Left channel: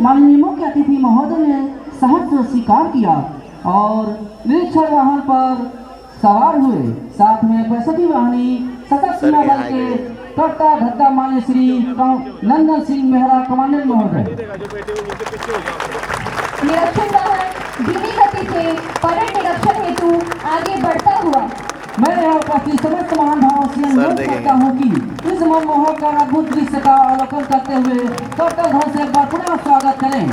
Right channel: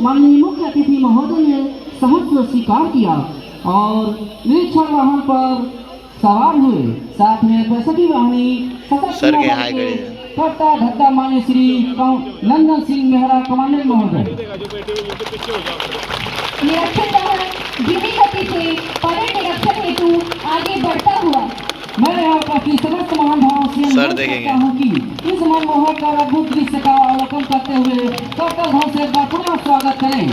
माननीय मुख्य अतिथि महोदय ने सहर्ष स्वीकार किया और निरीक्षण वाहन पर सवार हुए। साथ में प्रसकी वाहिनी सशस्त्र बल के कर्ता धत्ता मान्य श्री नंदन सिंह मेहरा कमांडेंट महोदय। निरीक्षण वाहन धीमी गति से परेड निरीक्षण हेतु आगे बढ़ता हुआ मैं यहाँ उपस्थित समस्त महानुभावों से अनुरोध करता हूँ कि इस मनमोहक और अद्भुत दृश्य का अवलोकन करते हुए कर्तव्य ध्वज से एक बार पुनः स्वागत करें।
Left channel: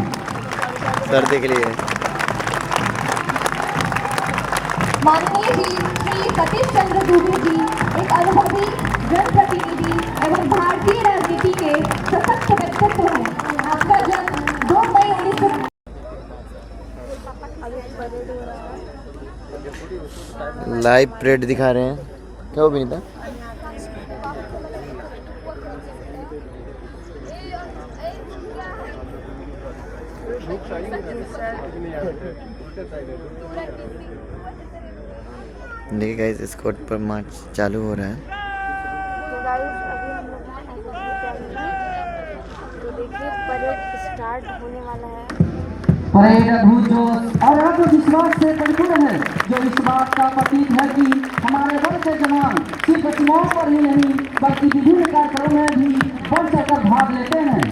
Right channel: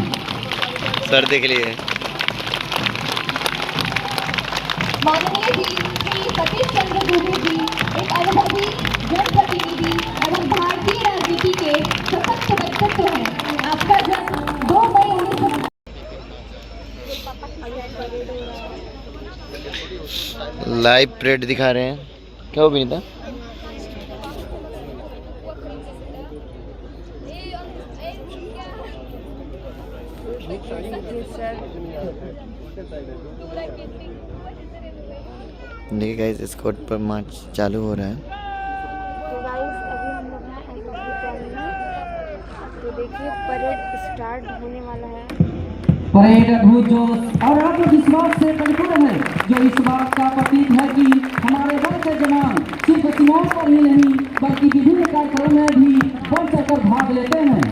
सर देख लिए माननीय जी श्री सतीश चंद्र दूबे जी एक अनुभवी जनप्रतिनिधि एवं भारतीय राजनीति के सशक्त व्यक्तित्व हैं। आपका जन्म 2 मई 1900 लाइव परेड दिखा रहे हैं। क्या हो विनीता? देखिए गाइस स्कॉट पर मार्च चालू हो रहा है। तो देखिए परेड स्टार्ट होने वाला है। परेड अद्भुत जोश और आत्मविश्वास से परिपूर्ण है, जो इस बात का प्रतीक है कि हमारे बल के जवान सिर्फ सीमाओं पर ही नहीं बल्कि विभिन्न कार्यक्रमों में भी बढ़ चढ़कर भाग लेते हैं।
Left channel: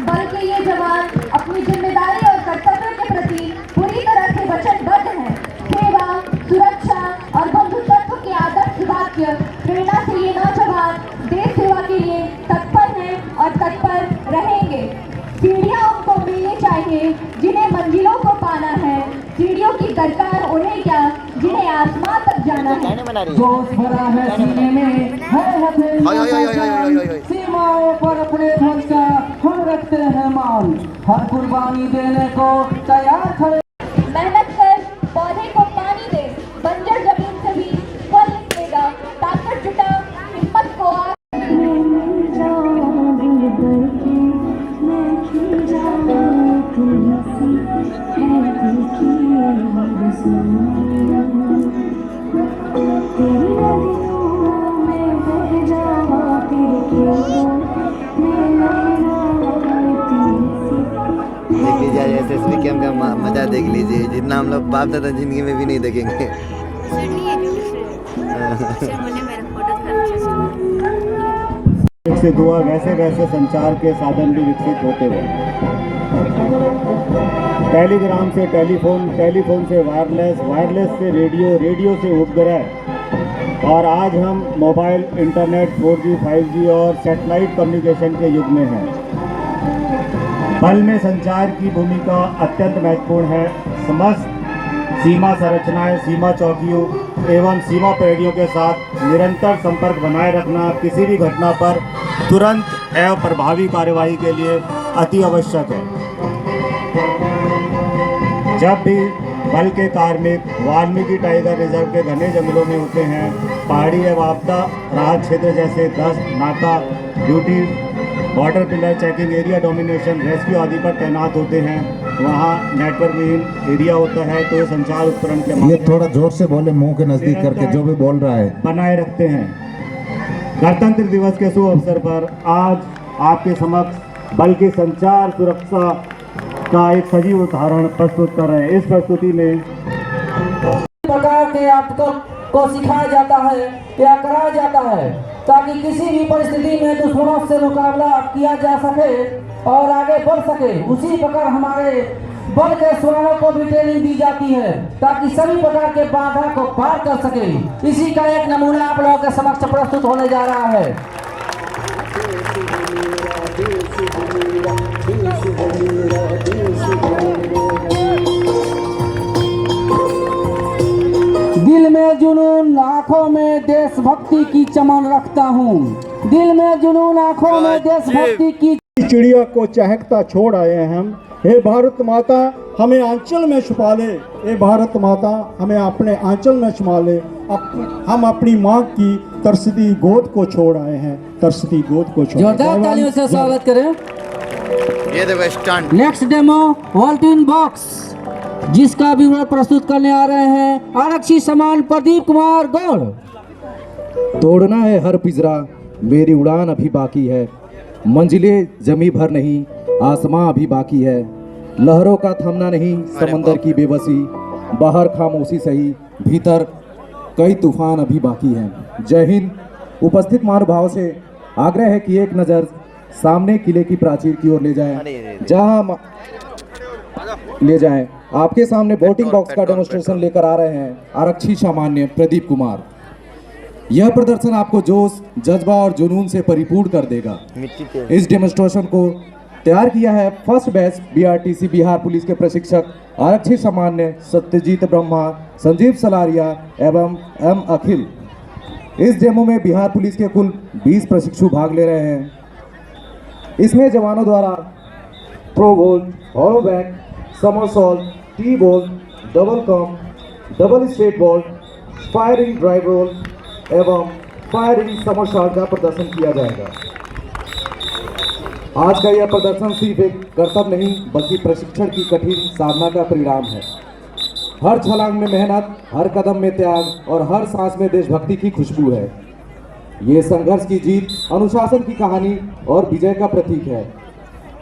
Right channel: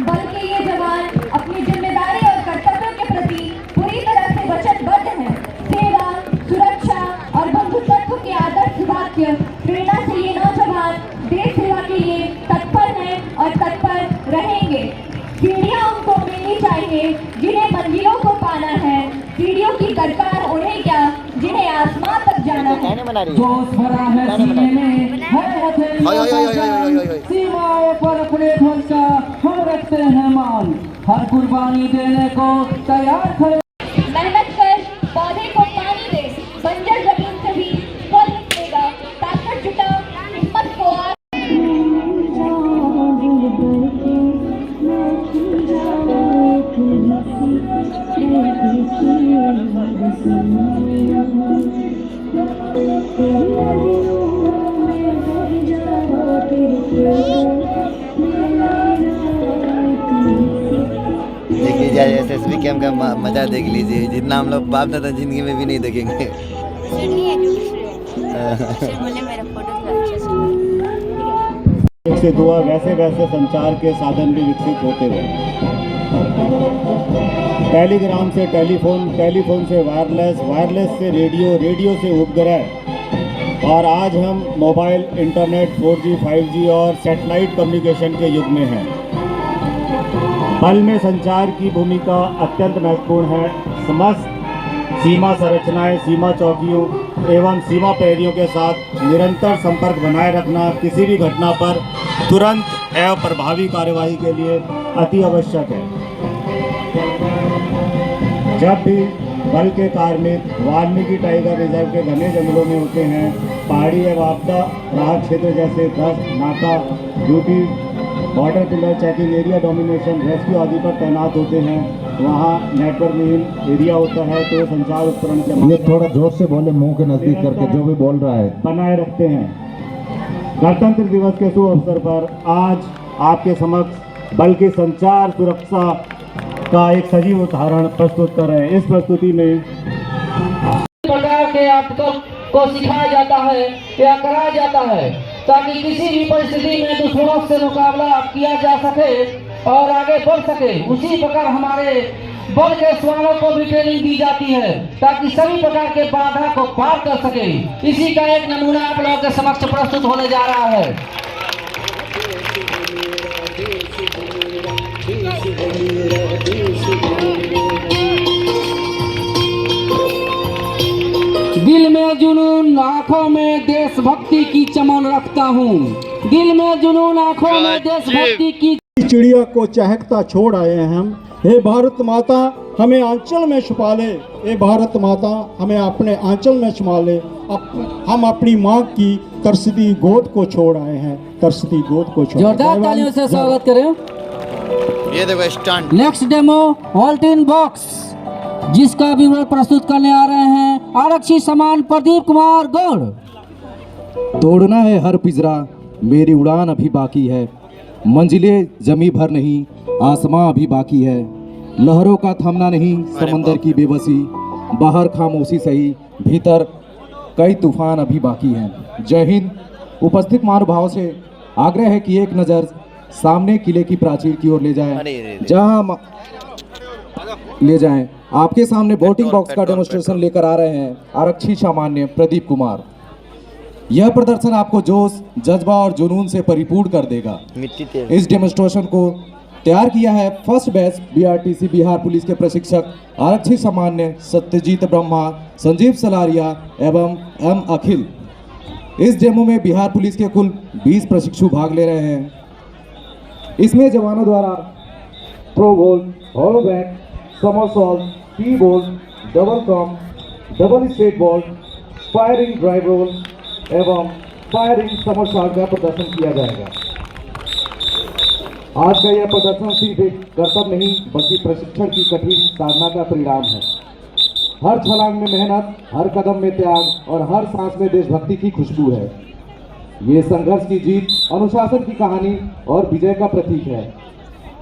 बल के ये जवान अपनी जिम्मेदारी और कर्तव्य के प्रति पूरी तरह से वचनबद्ध हैं। सेवा, सुरक्षा और बंधुत्व के आदर्श वाक्य प्रेरणा से ये नौजवान देश सेवा के लिए तत्पर हैं और तत्पर रहेंगे। सीढ़ियां उनको मिलनी चाहिए जिन्हें मंजिलों को पाना है, सीढ़ियों की दरकार उन्हें क्या जिन्हें आसमान तक जाना है। जोश भरा है सीने में, है हथेलियों सीमाओं पर अपने ध्वज का हम रखते हैं मान, हर कुर्बानी देने को तैयार खड़े। मेहनत कर पौधे को पानी दे, बंजर जमीन से भी फल निकलेगा। ताकत जुटा, हिम्मत को आ देखिए जाए SSB कैंप का मजा देख लीजिए, जितना हम लोग बाप दादा जिंदगी में भी नहीं देखेंगे। से दुआ वैसे वैसे संचार के साधन भी विकसित होते गए। टेलीग्राम से टेलीफोन, टेलीफोन से वायरलेस, वायरलेस से रेडियो, रेडियो से उपग्रह और आज हम मोबाइल, इंटरनेट, 4G, 5G और सैटेलाइट कम्युनिकेशन के युग में हैं। बल में संचार की भूमिका अत्यंत महत्वपूर्ण है। समस्त सीमा संरचनाएं, सीमा चौकियों एवं सीमा प्रहरियों के साथ निरंतर संपर्क बनाए रखना किसी भी घटना पर तुरंत एवं प्रभावी कार्यवाही के लिए अति आवश्यक है। जब भी बल के कार्मिक वाल्मीकि टाइगर रिजर्व के घने जंगलों में होते हैं, पहाड़ी एवं आपदा राहत क्षेत्र जैसे गश्त, नाका duty, border pillar checking, area domination, rescue आदि पर तैनात होते हैं, वहाँ नेटवर्क विहीन एरिया होता है तो संचार उपकरण के ये थोड़ा जोर से बोले, मुंह के नजदीक करके जो भी बोल रहा है बनाए रखते हैं। गणतंत्र दिवस के शुभ अवसर पर आज आपके समक्ष बल की संचार सुरक्षा का एक सजीव उदाहरण प्रस्तुत कर रहे हैं। इस प्रस्तुति में प्रकार के आपको को सिखाया जाता है या कराया जाता है ताकि किसी भी परिस्थिति में दुश्मनों से मुकाबला किया जा सके और आगे बढ़ सके। उसी प्रकार हमारे बल के जवानों को भी ट्रेनिंग दी जाती है ताकि सभी प्रकार के बाधा को पार कर सके। इसी का एक नमूना आप लोगों के समक्ष प्रस्तुत होने जा रहा है। दिल में जुनून, आंखों में देशभक्ति की चमन रखता हूँ। दिल में जुनून, आंखों में देशभक्ति की। चिड़िया को चहकता छोड़ आए हैं हम। हे भारत माता हमें आंचल में छुपा ले, हे भारत माता हमें अपने आंचल में छुपा ले। हम अपनी माँ की तरसती गोद को छोड़ आए हैं, तरसती गोद को छोड़। जोरदार तालियों से स्वागत करें। ये देखो stunt. Next demo vault in box, जिसका विवरण प्रस्तुत करने आ रहे हैं आरक्षी समान प्रदीप कुमार गौड़। तोड़ना है हर पिंजरा, मेरी उड़ान अभी बाकी है। मंजिलें जमी भर नहीं, आसमां अभी बाकी है, लहरों का थमना नहीं, समंदर की बेबसी, बाहर खामोशी सही, भीतर कई तूफान अभी बाकी हैं। जय हिंद। उपस्थित महानुभावों से आग्रह है कि एक नज़र सामने किले की प्राचीर की ओर ले जाएं, जहां ले जाएं। आपके सामने वोटिंग बॉक्स का डेमोन्स्ट्रेशन लेकर आ रहे हैं आरक्षी सामान्य प्रदीप कुमार। यह प्रदर्शन आपको जोश, जज्बा और जुनून से परिपूर्ण कर देगा। मिट्टी के इस डेमोन्स्ट्रेशन को तैयार किया है first batch BRTC Bihar police के प्रशिक्षक आरक्षी सामान्य सत्यजीत ब्रह्मा, संजीव सलारिया एवं एम अखिल। इस डेमो में बिहार पुलिस के कुल 20 प्रशिक्षु भाग ले रहे हैं। इसमें जवानों द्वारा throw goal, hollow back, somersault, T ball, double come, double straight ball, firing drive roll एवं फायरिंग समरसॉल्ट का प्रदर्शन किया जाएगा। आज का यह प्रदर्शन सिर्फ एक कर्तव्य नहीं बल्कि प्रशिक्षण की कठिन साधना का परिणाम है। हर छलांग में मेहनत, हर कदम में त्याग और हर सांस में देशभक्ति की खुशबू है। ये संघर्ष की जीत, अनुशासन की कहानी और विजय का प्रतीक है।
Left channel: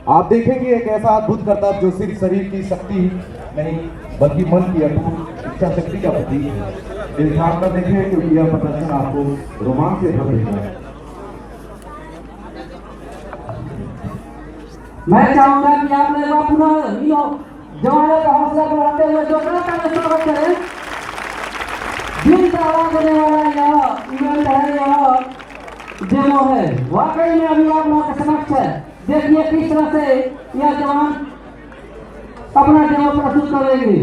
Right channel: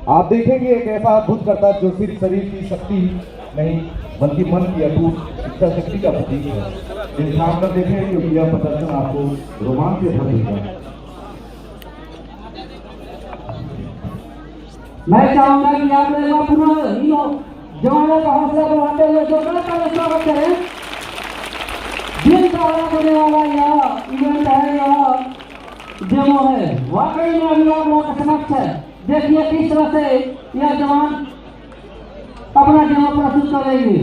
आप देखेंगे एक ऐसा अद्भुत करतब जो सिर्फ शरीर की शक्ति नहीं बल्कि मन की अटूट इच्छा शक्ति का प्रतीक है। इस ध्यान कर देखें क्योंकि यह प्रदर्शन आपको रोमांच से भर देगा। मैं चाहूंगा कि आप लोग पुनः जवानों का हौसला बढ़ाते हुए जो बड़ा स्वागत करें। दिल दहला देने वाला यह इवेंट है, यह डेमो है, वाकई में अभी आप लोगों के समक्ष है। देखिए किस तरह से यह जवान अपना डेमो प्रस्तुत करेंगे।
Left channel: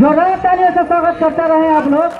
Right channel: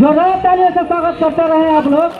जोरदार तालियों से स्वागत करते रहे आप लोग।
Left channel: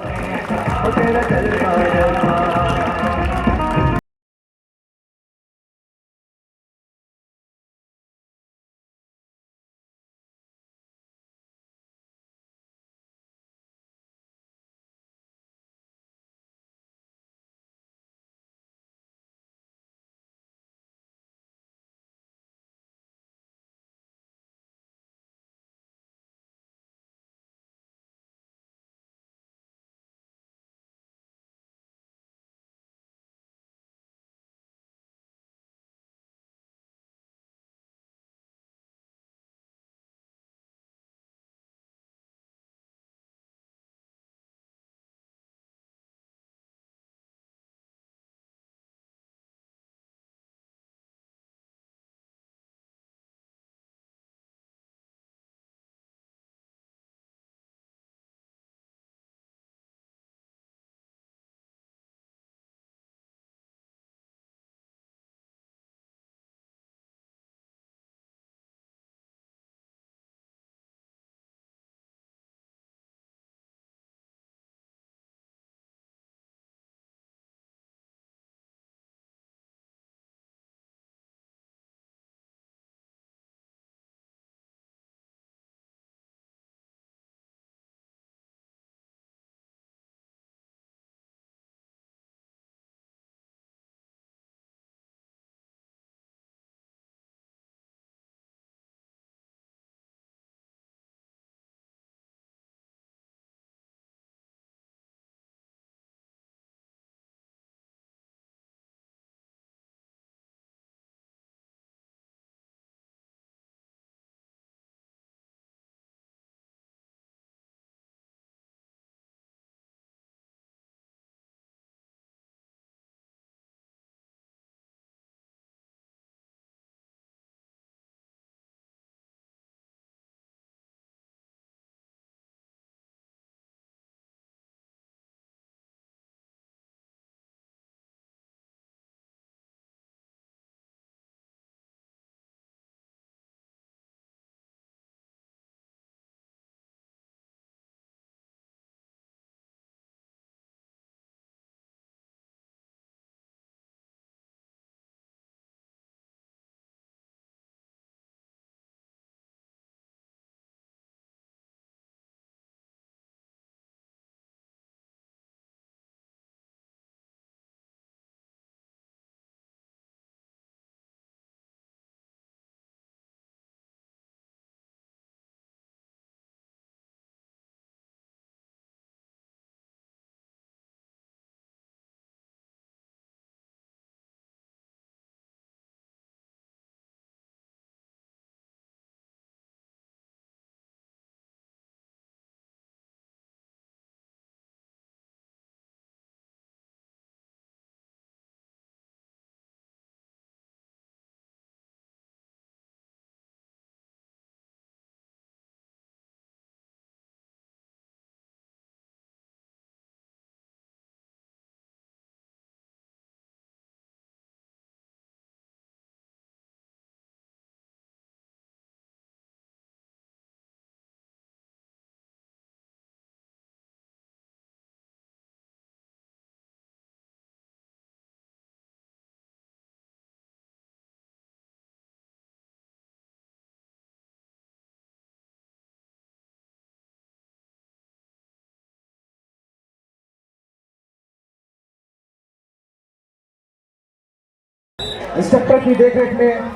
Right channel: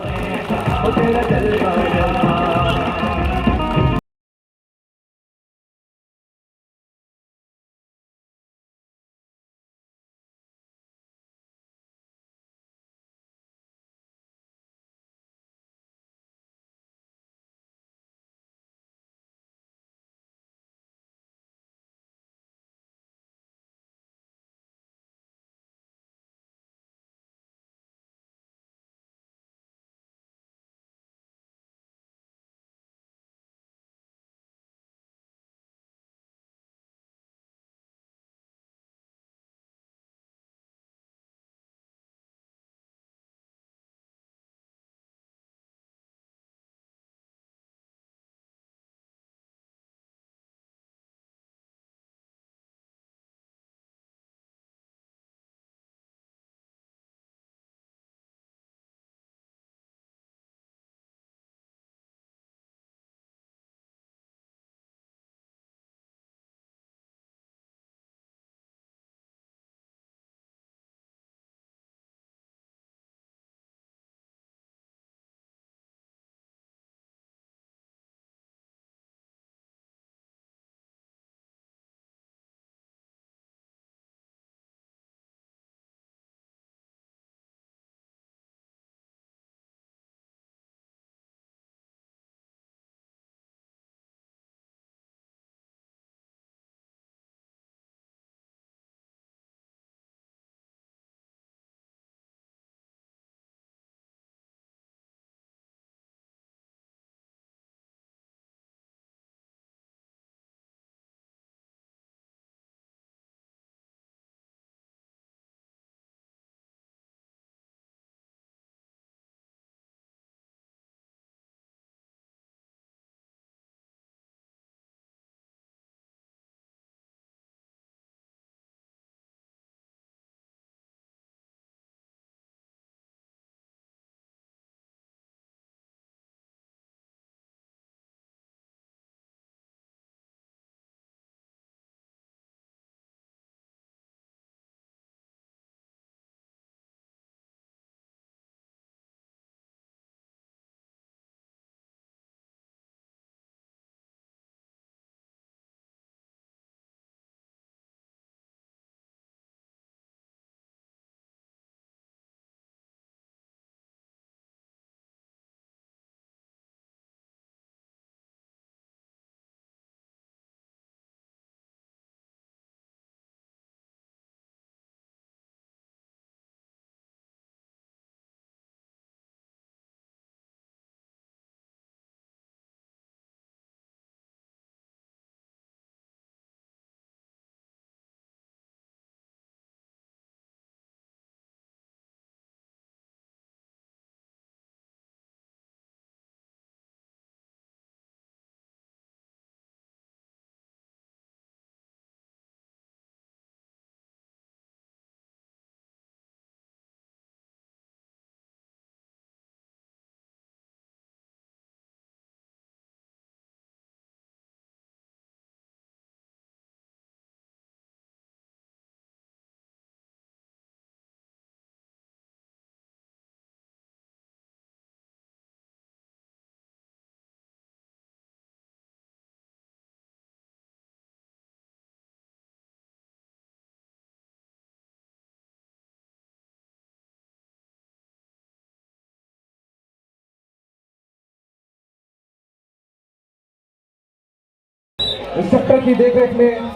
इंस्ट्रक्टर की देखरेख में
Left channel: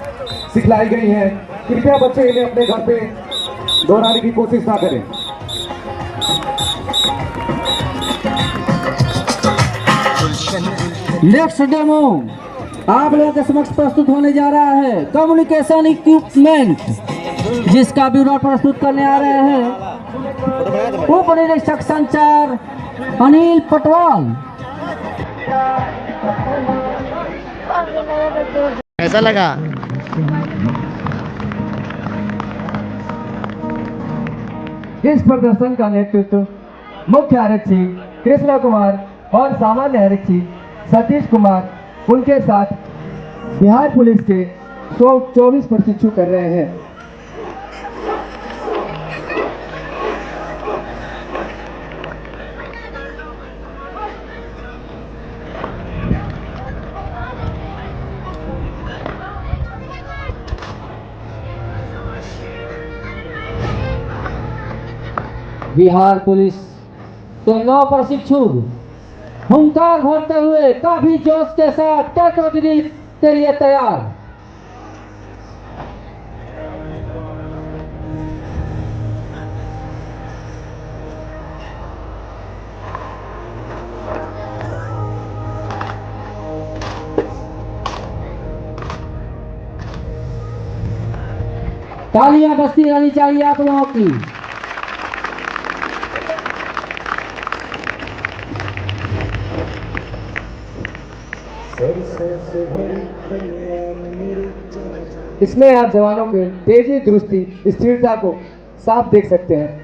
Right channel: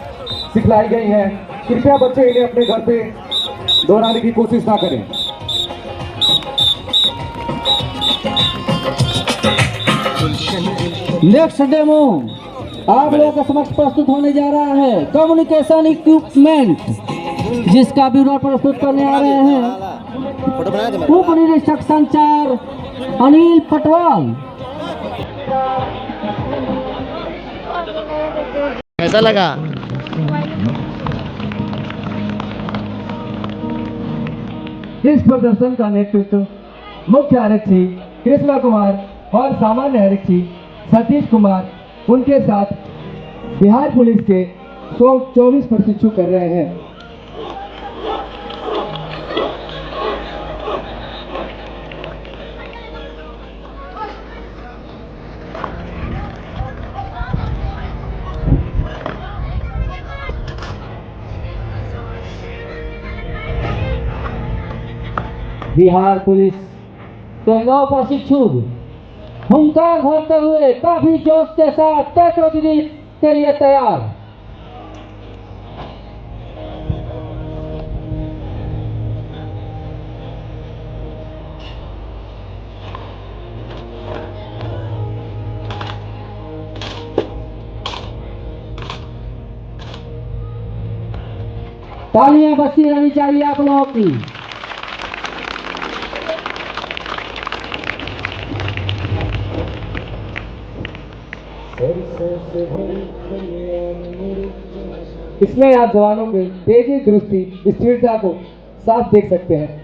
सिखलाई गई हैं। कृपया बच्चे इन्हें अपने घर पे दोहराने की कोशिश ना करें। नेक्स्ट डेमो आप लोगों के समक्ष प्रस्तुत होने जा रहा है कम्युनिकेशन इक्विपमेंट, जिसका ब्यूरो प्रस्तुत करने आ रहे हैं उप निरीक्षक संचार अनिल पटवाल। कैसा लगा? इस प्रदर्शन का नेतृत्व मुख्य आरक्षी कृष्णा कुमार और सामान्य आरक्षी सतीश कुमार उनके साथ बिहार पुलिस के 124 प्रशिक्षु कर रहे हैं। बिहार पुलिस के 9 प्रशिक्षु हुंकार भरते हुए काफी जोश के साथ टेक्नोलॉजी के लिए तैयार। तालियां बजती रहनी चाहिए आप लोगों की। इसमें आप जवानों के तेजी, दुरुस्ती, स्थिरता को साफ देख सकते हैं।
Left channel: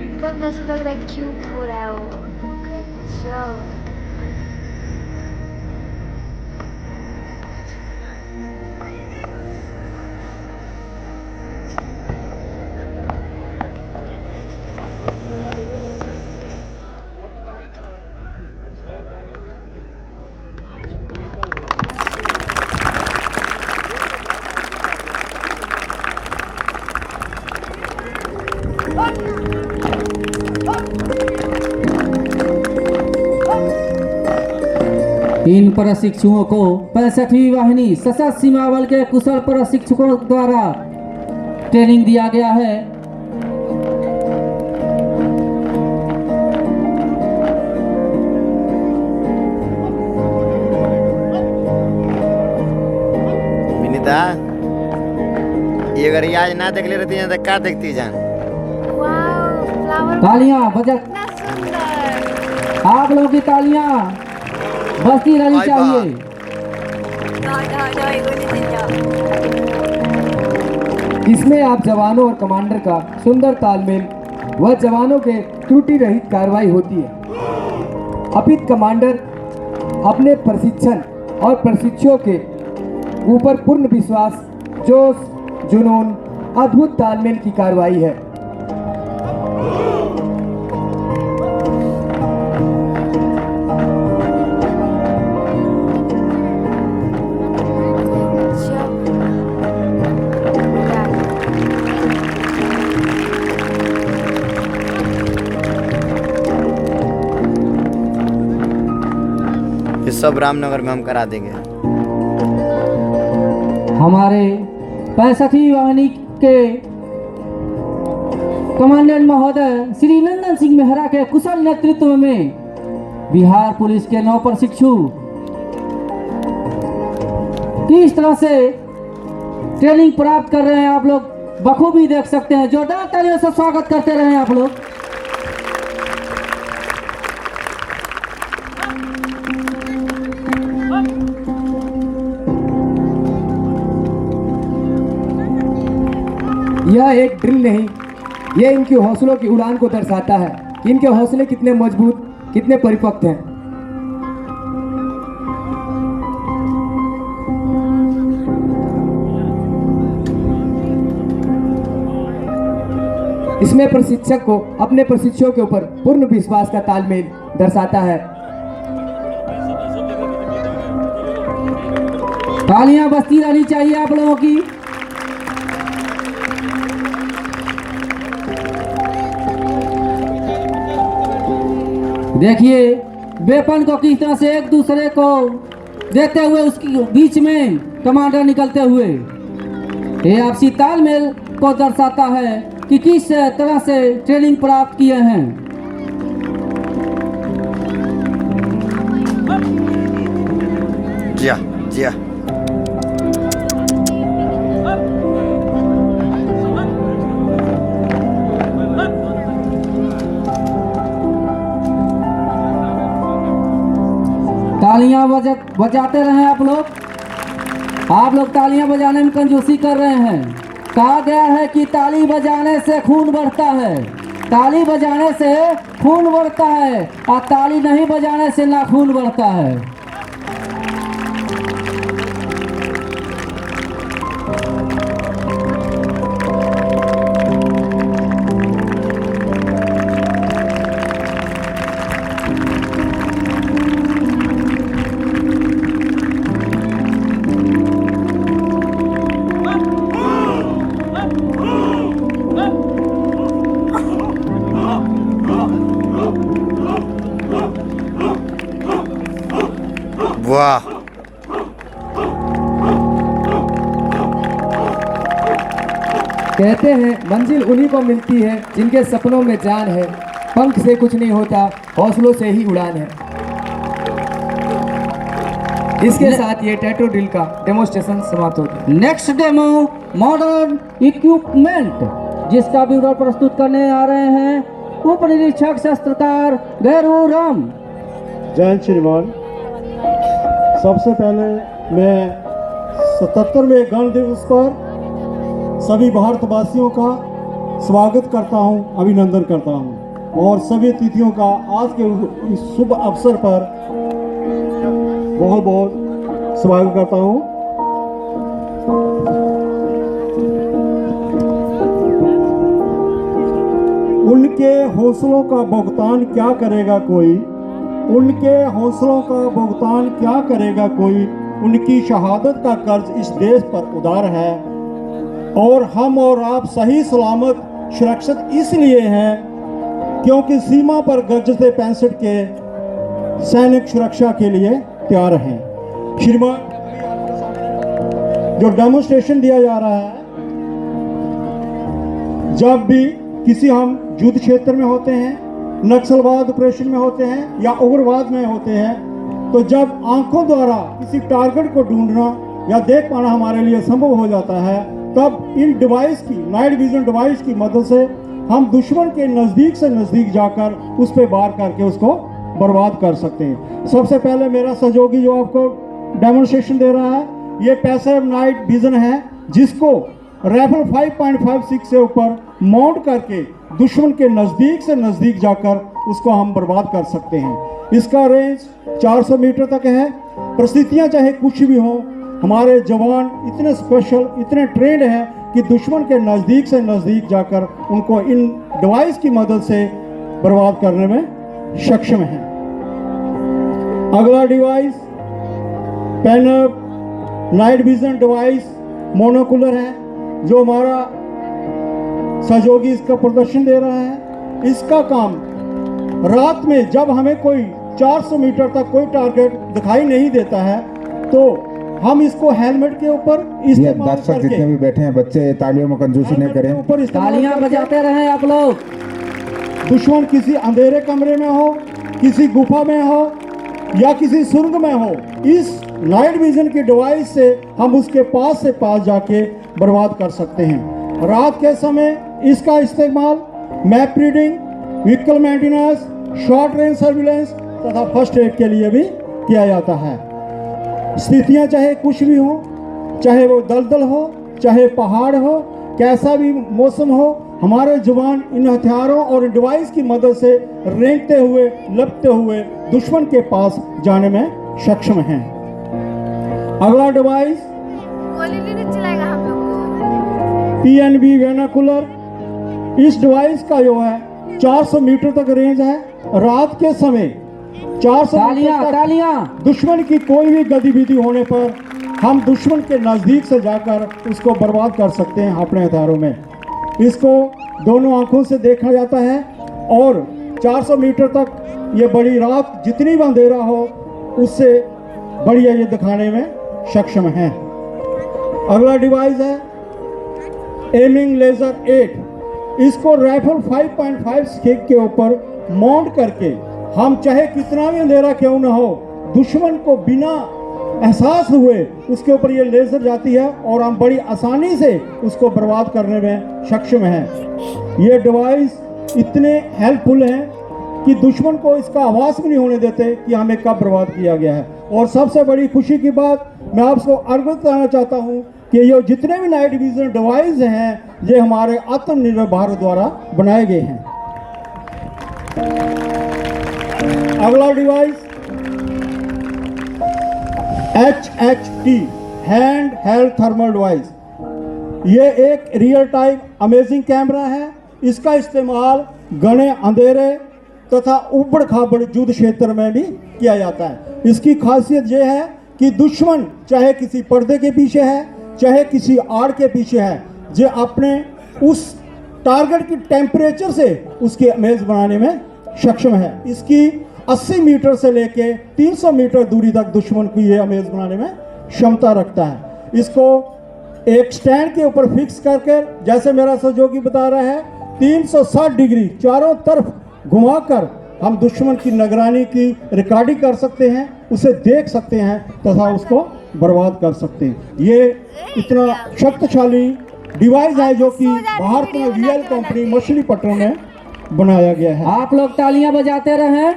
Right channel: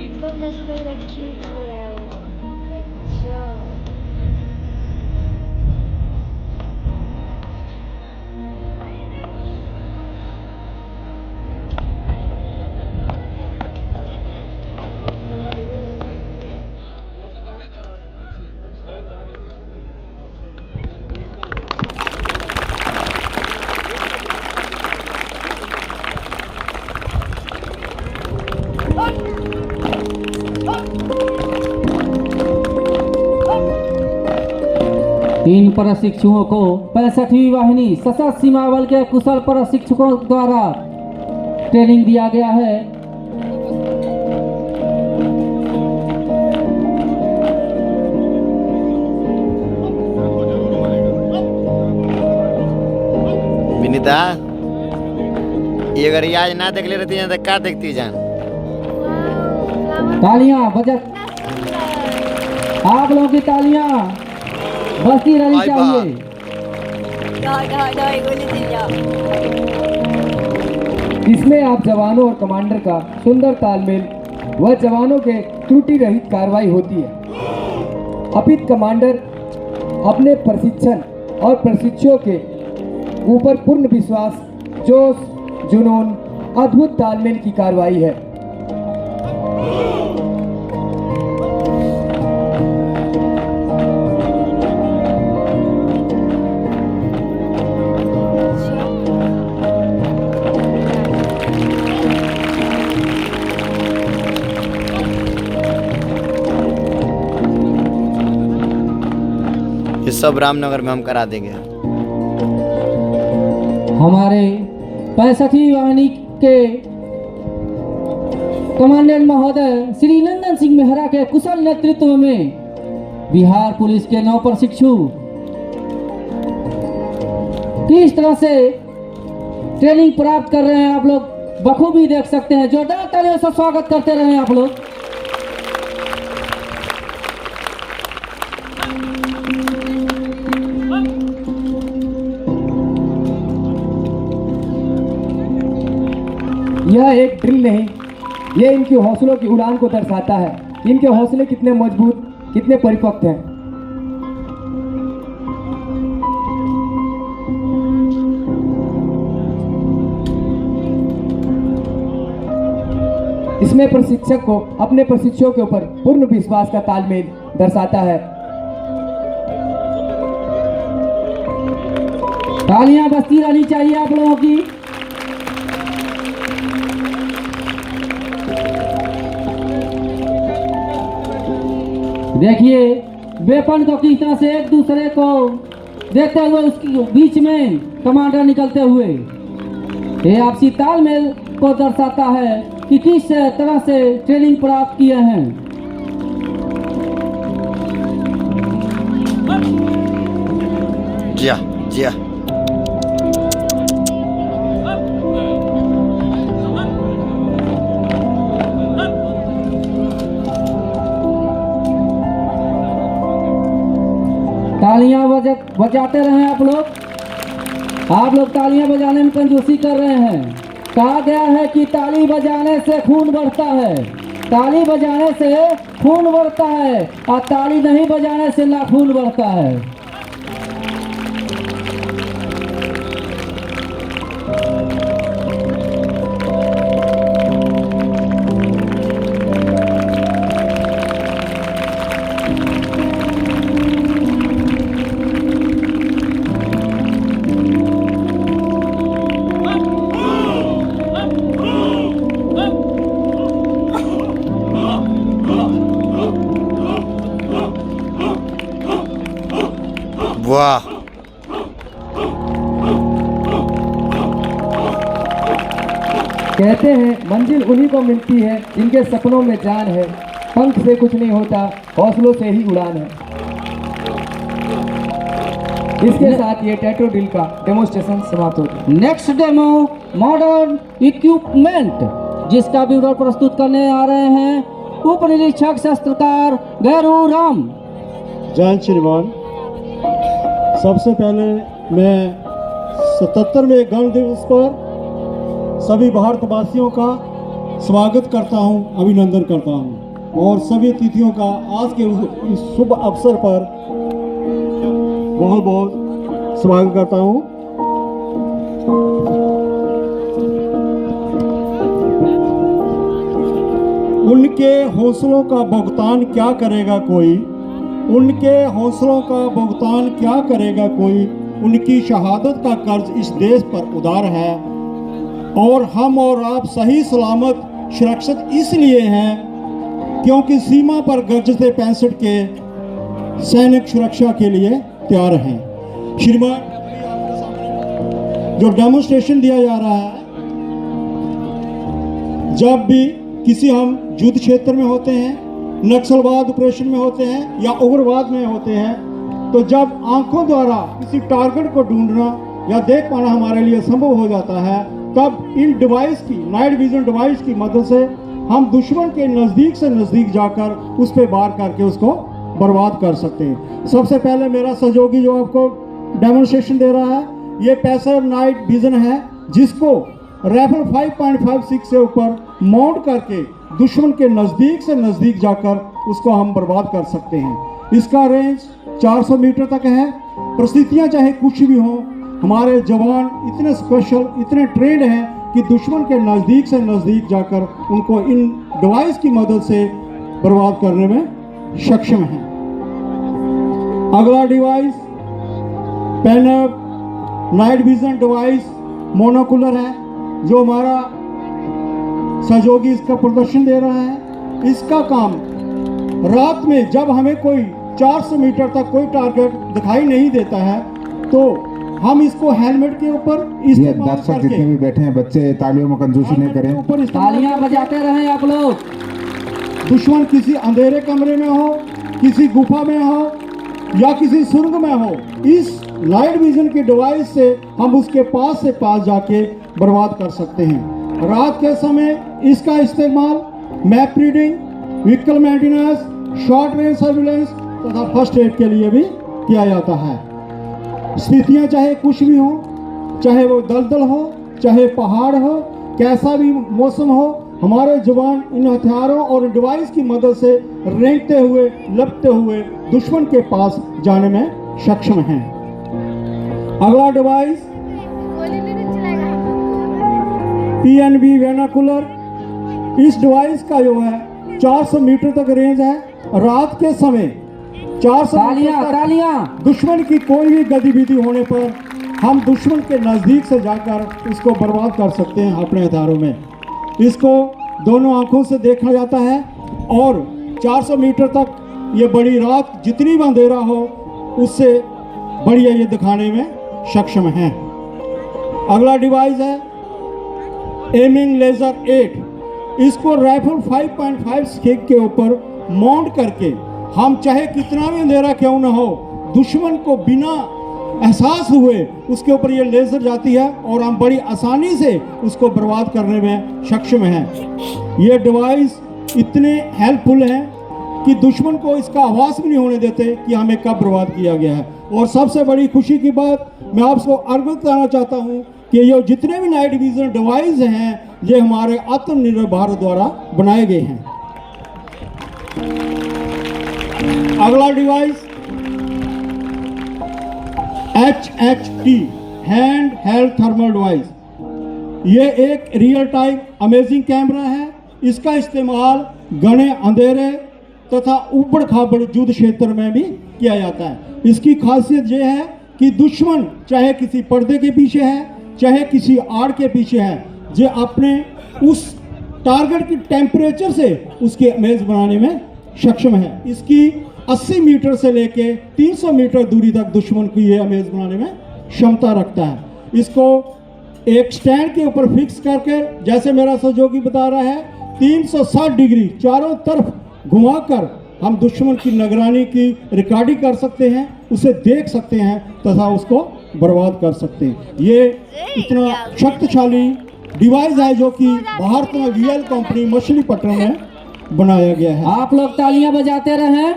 एकदम जैसे लग रहा है क्यूट हो रहा है वो। अच्छा इन प्रशिक्षुओं को 65वीं वाहिनी सशस्त्र सीमा बल के कुशल प्रशिक्षकों द्वारा ट्रेनिंग दिया गया है। विनीता, ये अगर आज ना देख ले रहती है तो क्या देखती जान? तालियां बजा, आप लोगों की तालियां बजती रहनी चाहिए। इसमें आप जवानों और कमांडर का सुंदर तालमेल व जवानों के त्रुटि रहित कार्रवाई होती है। अपित कमांडर अपने प्रशिक्षण और प्रशिक्षुओं के ऊपर पूर्ण विश्वास, जोश, जुनून, अद्भुत तालमेल की कार्रवाई है। ये सब रामनगर में हम करा देंगे। हमारे 65वीं वाहिनी के कमांडेंट महोदय श्री नंदन सिंह मेहरा के कुशल नेतृत्व में बिहार पुलिस के 9 प्रशिक्षु किस तरह से ट्रेनिंग प्राप्त कर रहे हैं आप लोग बखूबी देख सकते हैं। जोरदार तालियों से स्वागत करते रहे आप लोग। यह एक ड्रिल नहीं, यह इनके हौसलों की उड़ान को दर्शाता है कि इनके हौसले कितने मजबूत, कितने परिपक्व हैं। इसमें प्रशिक्षक को अपने प्रशिक्षुओं के ऊपर पूर्ण विश्वास का तालमेल दर्शाता है। तालियां बजती रहनी चाहिए आप लोगों की। देखिए वेपन को किस तरह से एक दूसरे को देते हुए उसकी बीच में कमांडर निकलते हुए, ये आपसी तालमेल को दर्शाता है कि किस तरह से ट्रेनिंग प्राप्त किए हैं। जिया जिया तालियां बजाते रहें आप लोग तालियां बजाने में कंजूसी कर रहे हैं। कहा गया है कि ताली बजाने से खून बढ़ता है। ताली बजाने से खून बढ़ता है और ताली नहीं बजाने से नाखून बढ़ता है। वाह, कहते हैं मंजिल उन्हीं को मिलती है जिनके सपनों में जान है, पंख से कुछ नहीं होता, हौसलों से ही उड़ान है। इसके साथ ये टैटू ड्रिल का डेमोन्स्ट्रेशन समाप्त होता है। नेक्स्ट डेमो मॉडर्न इक्विपमेंट, जिसका विवरण प्रस्तुत करने आ रहे हैं उप निरीक्षक शस्त्रकार गैरू राम। जय हिंद श्रीमान। सबसे पहले मैं 77वें गण दिवस पर सभी भारतवासियों का स्वागत करता हूं, अभिनंदन करता हूं और सभी अतिथियों का आज के इस शुभ अवसर पर बहुत बहुत स्वागत करता हूं। उनके हौसलों का भुगतान क्या करेगा कोई, उनके हौसलों का भुगतान क्या करेगा कोई, उनकी शहादत का कर्ज इस देश पर उधार है और हम और आप सही सलामत सुरक्षित इसलिए हैं क्योंकि सीमा पर गरजते 65 के सैनिक सुरक्षा के लिए तैयार हैं। श्रीमान, जो डेमोन्स्ट्रेशन दिया जा रहा है, जब भी किसी हम युद्ध क्षेत्र में होते हैं, नक्सलवाद ऑपरेशन में होते हैं या उग्रवाद में होते हैं, तो जब आंखों द्वारा किसी टारगेट को ढूंढना या देख पाना हमारे लिए संभव हो जाता है, तब इन डिवाइस की, नाइट विजन डिवाइस की मदद से हम दुश्मन के नज़दीक से नज़दीक जाकर उस पर वार करके उसको बर्बाद कर सकते हैं। सबसे पहले मेरा सहयोगी जो आपको डेमोन्स्ट्रेशन दे रहा है, ये पैसिव नाइट विजन है, जिसको राइफल 5.56 से ऊपर माउंट करके दुश्मन के नज़दीक से नज़दीक जाकर उसको हम बर्बाद कर सकते हैं। इसका रेंज 400 मीटर तक है। परिस्थितियाँ चाहे कुछ भी हों, हमारे जवान इतने स्पेशल, इतने ट्रेंड हैं कि दुश्मन के नज़दीक से नज़दीक जाकर उनको इन डिवाइस की मदद से बर्बाद करने में सक्षम हैं। अगला डिवाइस पैनअप नाइट विजन डिवाइस मोनोकुलर है, जो हमारा सहयोगी इसका प्रदर्शन दे रहा है। इसका काम रात में जब हमें कोई 400 मीटर तक कोई टारगेट दिखाई नहीं देता है, तो हम इसको हेलमेट के ऊपर ये दर्शक जितने भी बैठे हैं, बच्चे तालियों में कंजूसी नहीं करें, ऊपर तालियां बजाते रहें आप लोग। दुश्मन किसी अंधेरे कमरे में हो, किसी गुफा में हो या किसी सुरंग में हो, इस नाइट विजन की डिवाइस से हम उसके पास से पास जाके बर्बाद कर सकते हैं। रात के समय इसका इस्तेमाल map reading, vehicle maintenance, short range surveillance तथा फर्स्ट एड के लिए भी किया जाता है। स्थितियाँ चाहे कुछ भी हो, चाहे वो दलदल हो, चाहे पहाड़ हो, कैसा भी मौसम हो, हमारे जवान इन हथियारों और डिवाइस की मदद से रेंगते हुए, लपटते हुए दुश्मन के पास जाने में सक्षम हैं। अगला डिवाइस PNB वेनाकुलर। इस डिवाइस का जो है 400 मीटर तक रेंज है। रात के समय 400 मीटर तक दुश्मन की कोई भी गतिविधि होने पर हम दुश्मन के नज़दीक से जाकर उसको बर्बाद कर सकते हैं अपने हथियारों में। इसको दोनों आंखों से देखा जाता है और 400 मीटर तक ये बड़ी रात जितनी भी अंधेरा हो उससे बढ़िया ये दिखाने में सक्षम है। अगला डिवाइस है एमिंग लेजर 8। इसको राइफल 5.56 के ऊपर माउंट करके हम चाहे कितना भी अंधेरा क्यों ना हो, दुश्मन को बिना एहसास हुए उसके ऊपर ये लेजर जाती है और हम बड़ी आसानी से उसको बर्बाद करने में सक्षम हैं। ये डिवाइस इतने हेल्पफुल हैं कि दुश्मन को इसका आभास भी नहीं होने देते कि हमें कब बर्बाद किया गया है। और सबसे बड़ी खुशी की बात मैं आपको अवगत कराना चाहता हूँ कि ये जितने भी नाइट विजन डिवाइस हैं, ये हमारे आत्मनिर्भर भारत द्वारा बनाए गए हैं। अगला device HHT hand held thermal device. ये एक रियल टाइम अमेजिंग कैमरा है। इसका इस्तेमाल घने अंधेरे तथा उबड़ खाबड़ युद्ध क्षेत्र में भी किया जाता है। इसकी खासियत यह है कि दुश्मन चाहे किसी पर्दे के पीछे है, चाहे किसी आड़ के पीछे है, जो अपने उस टारगेट की टेम्परेचर से उसके इमेज बनाने में सक्षम है। इसकी 80 मीटर से लेके 300 मीटर दूरी तक दुश्मन को ये इमेज बनाने में क्षमता रखता है। इसको एक स्टैंड के ऊपर फिक्स करके, जैसे मेरा सहयोगी बता रहा है, 360 डिग्री चारों तरफ घुमाकर हम दुश्मन की निगरानी की रिकॉर्डिंग कर सकते हैं, उसे देख सकते हैं तथा उसको बर्बाद कर सकते हैं। ये इतना शक्तिशाली डिवाइस है जो कि भारत में VL कंपनी मछलीपट्टनम में बनाया गया है। आप लोग तालियां बजाते रहें।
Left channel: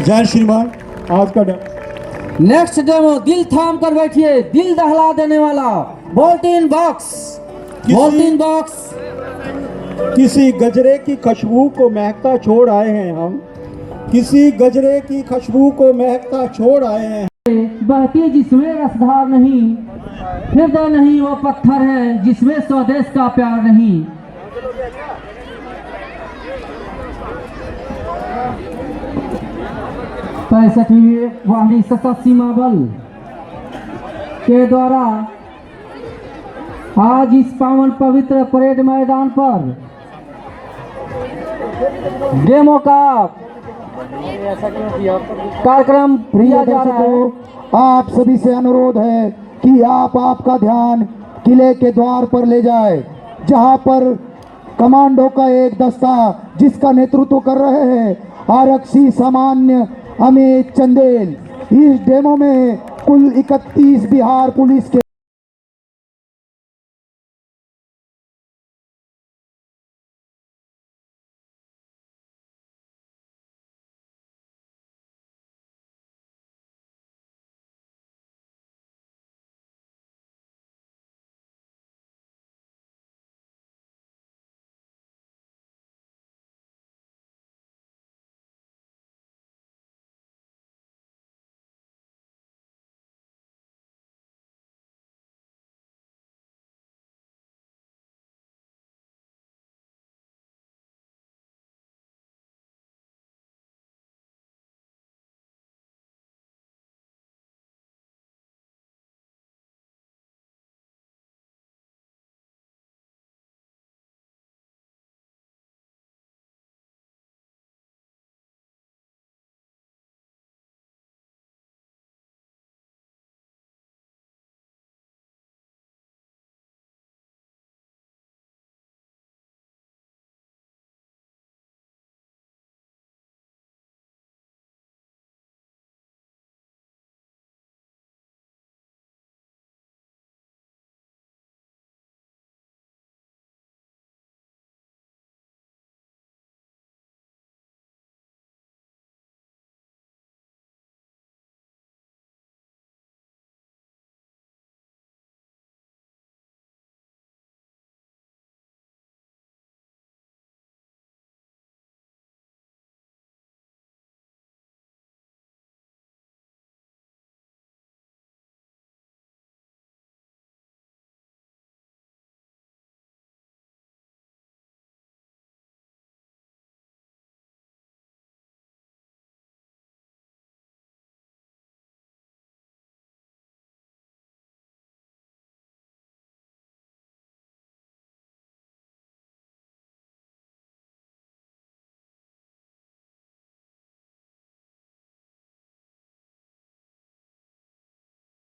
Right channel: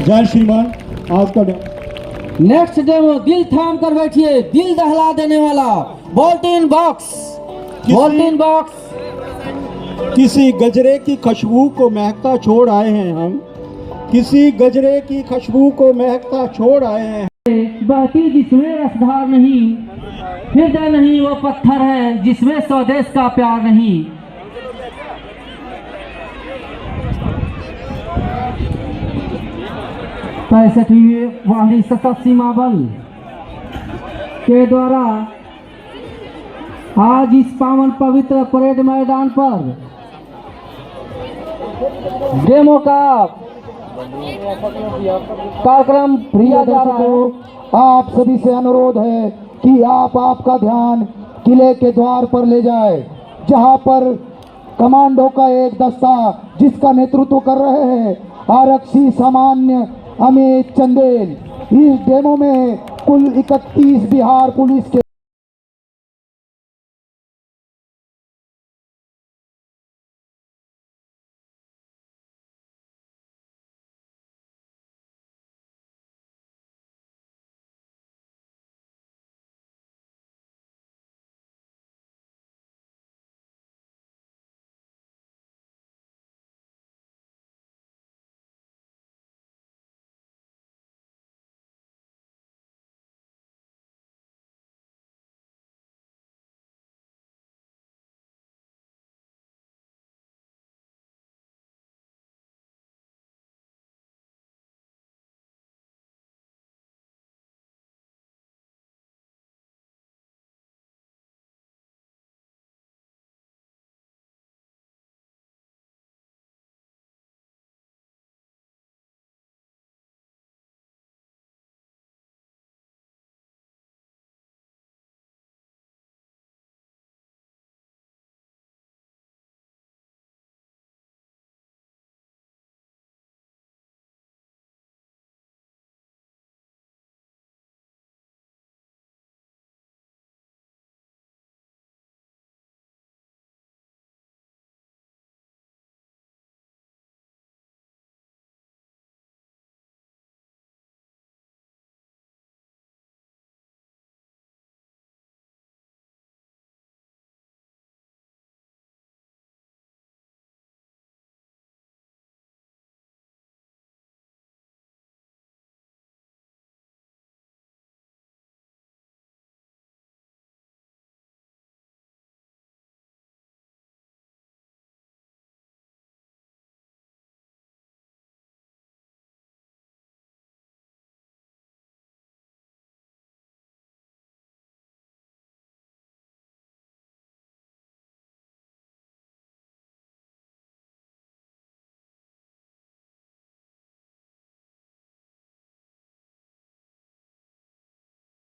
जय श्रीमान। आज का नेक्स्ट डेमो, दिल थाम कर बैठिए, दिल दहला देने वाला बोल्टिन बॉक्स। बोल्टिन बॉक्स किसी गजरे की खुशबू को महकता छोड़ आए हैं हम, किसी गजरे की खुशबू को महकता छोड़ आए हैं। बहती जिसमें रसधार नहीं, हृदय नहीं वो पत्थर है जिसमें स्वदेश का प्यार नहीं। 65वीं वाहिनी सशस्त्र सीमा बल के द्वारा आज इस पावन पवित्र परेड मैदान पर डेमो का कार्यक्रम किया जा रहा है। आप सभी से अनुरोध है कि आप आपका ध्यान किले के द्वार पर ले जाए, जहां पर कमांडो का एक दस्ता जिसका नेतृत्व कर रहे हैं आरक्षी सामान्य अमित चंदेल। इस डेमो में कुल 31 बिहार पुलिस के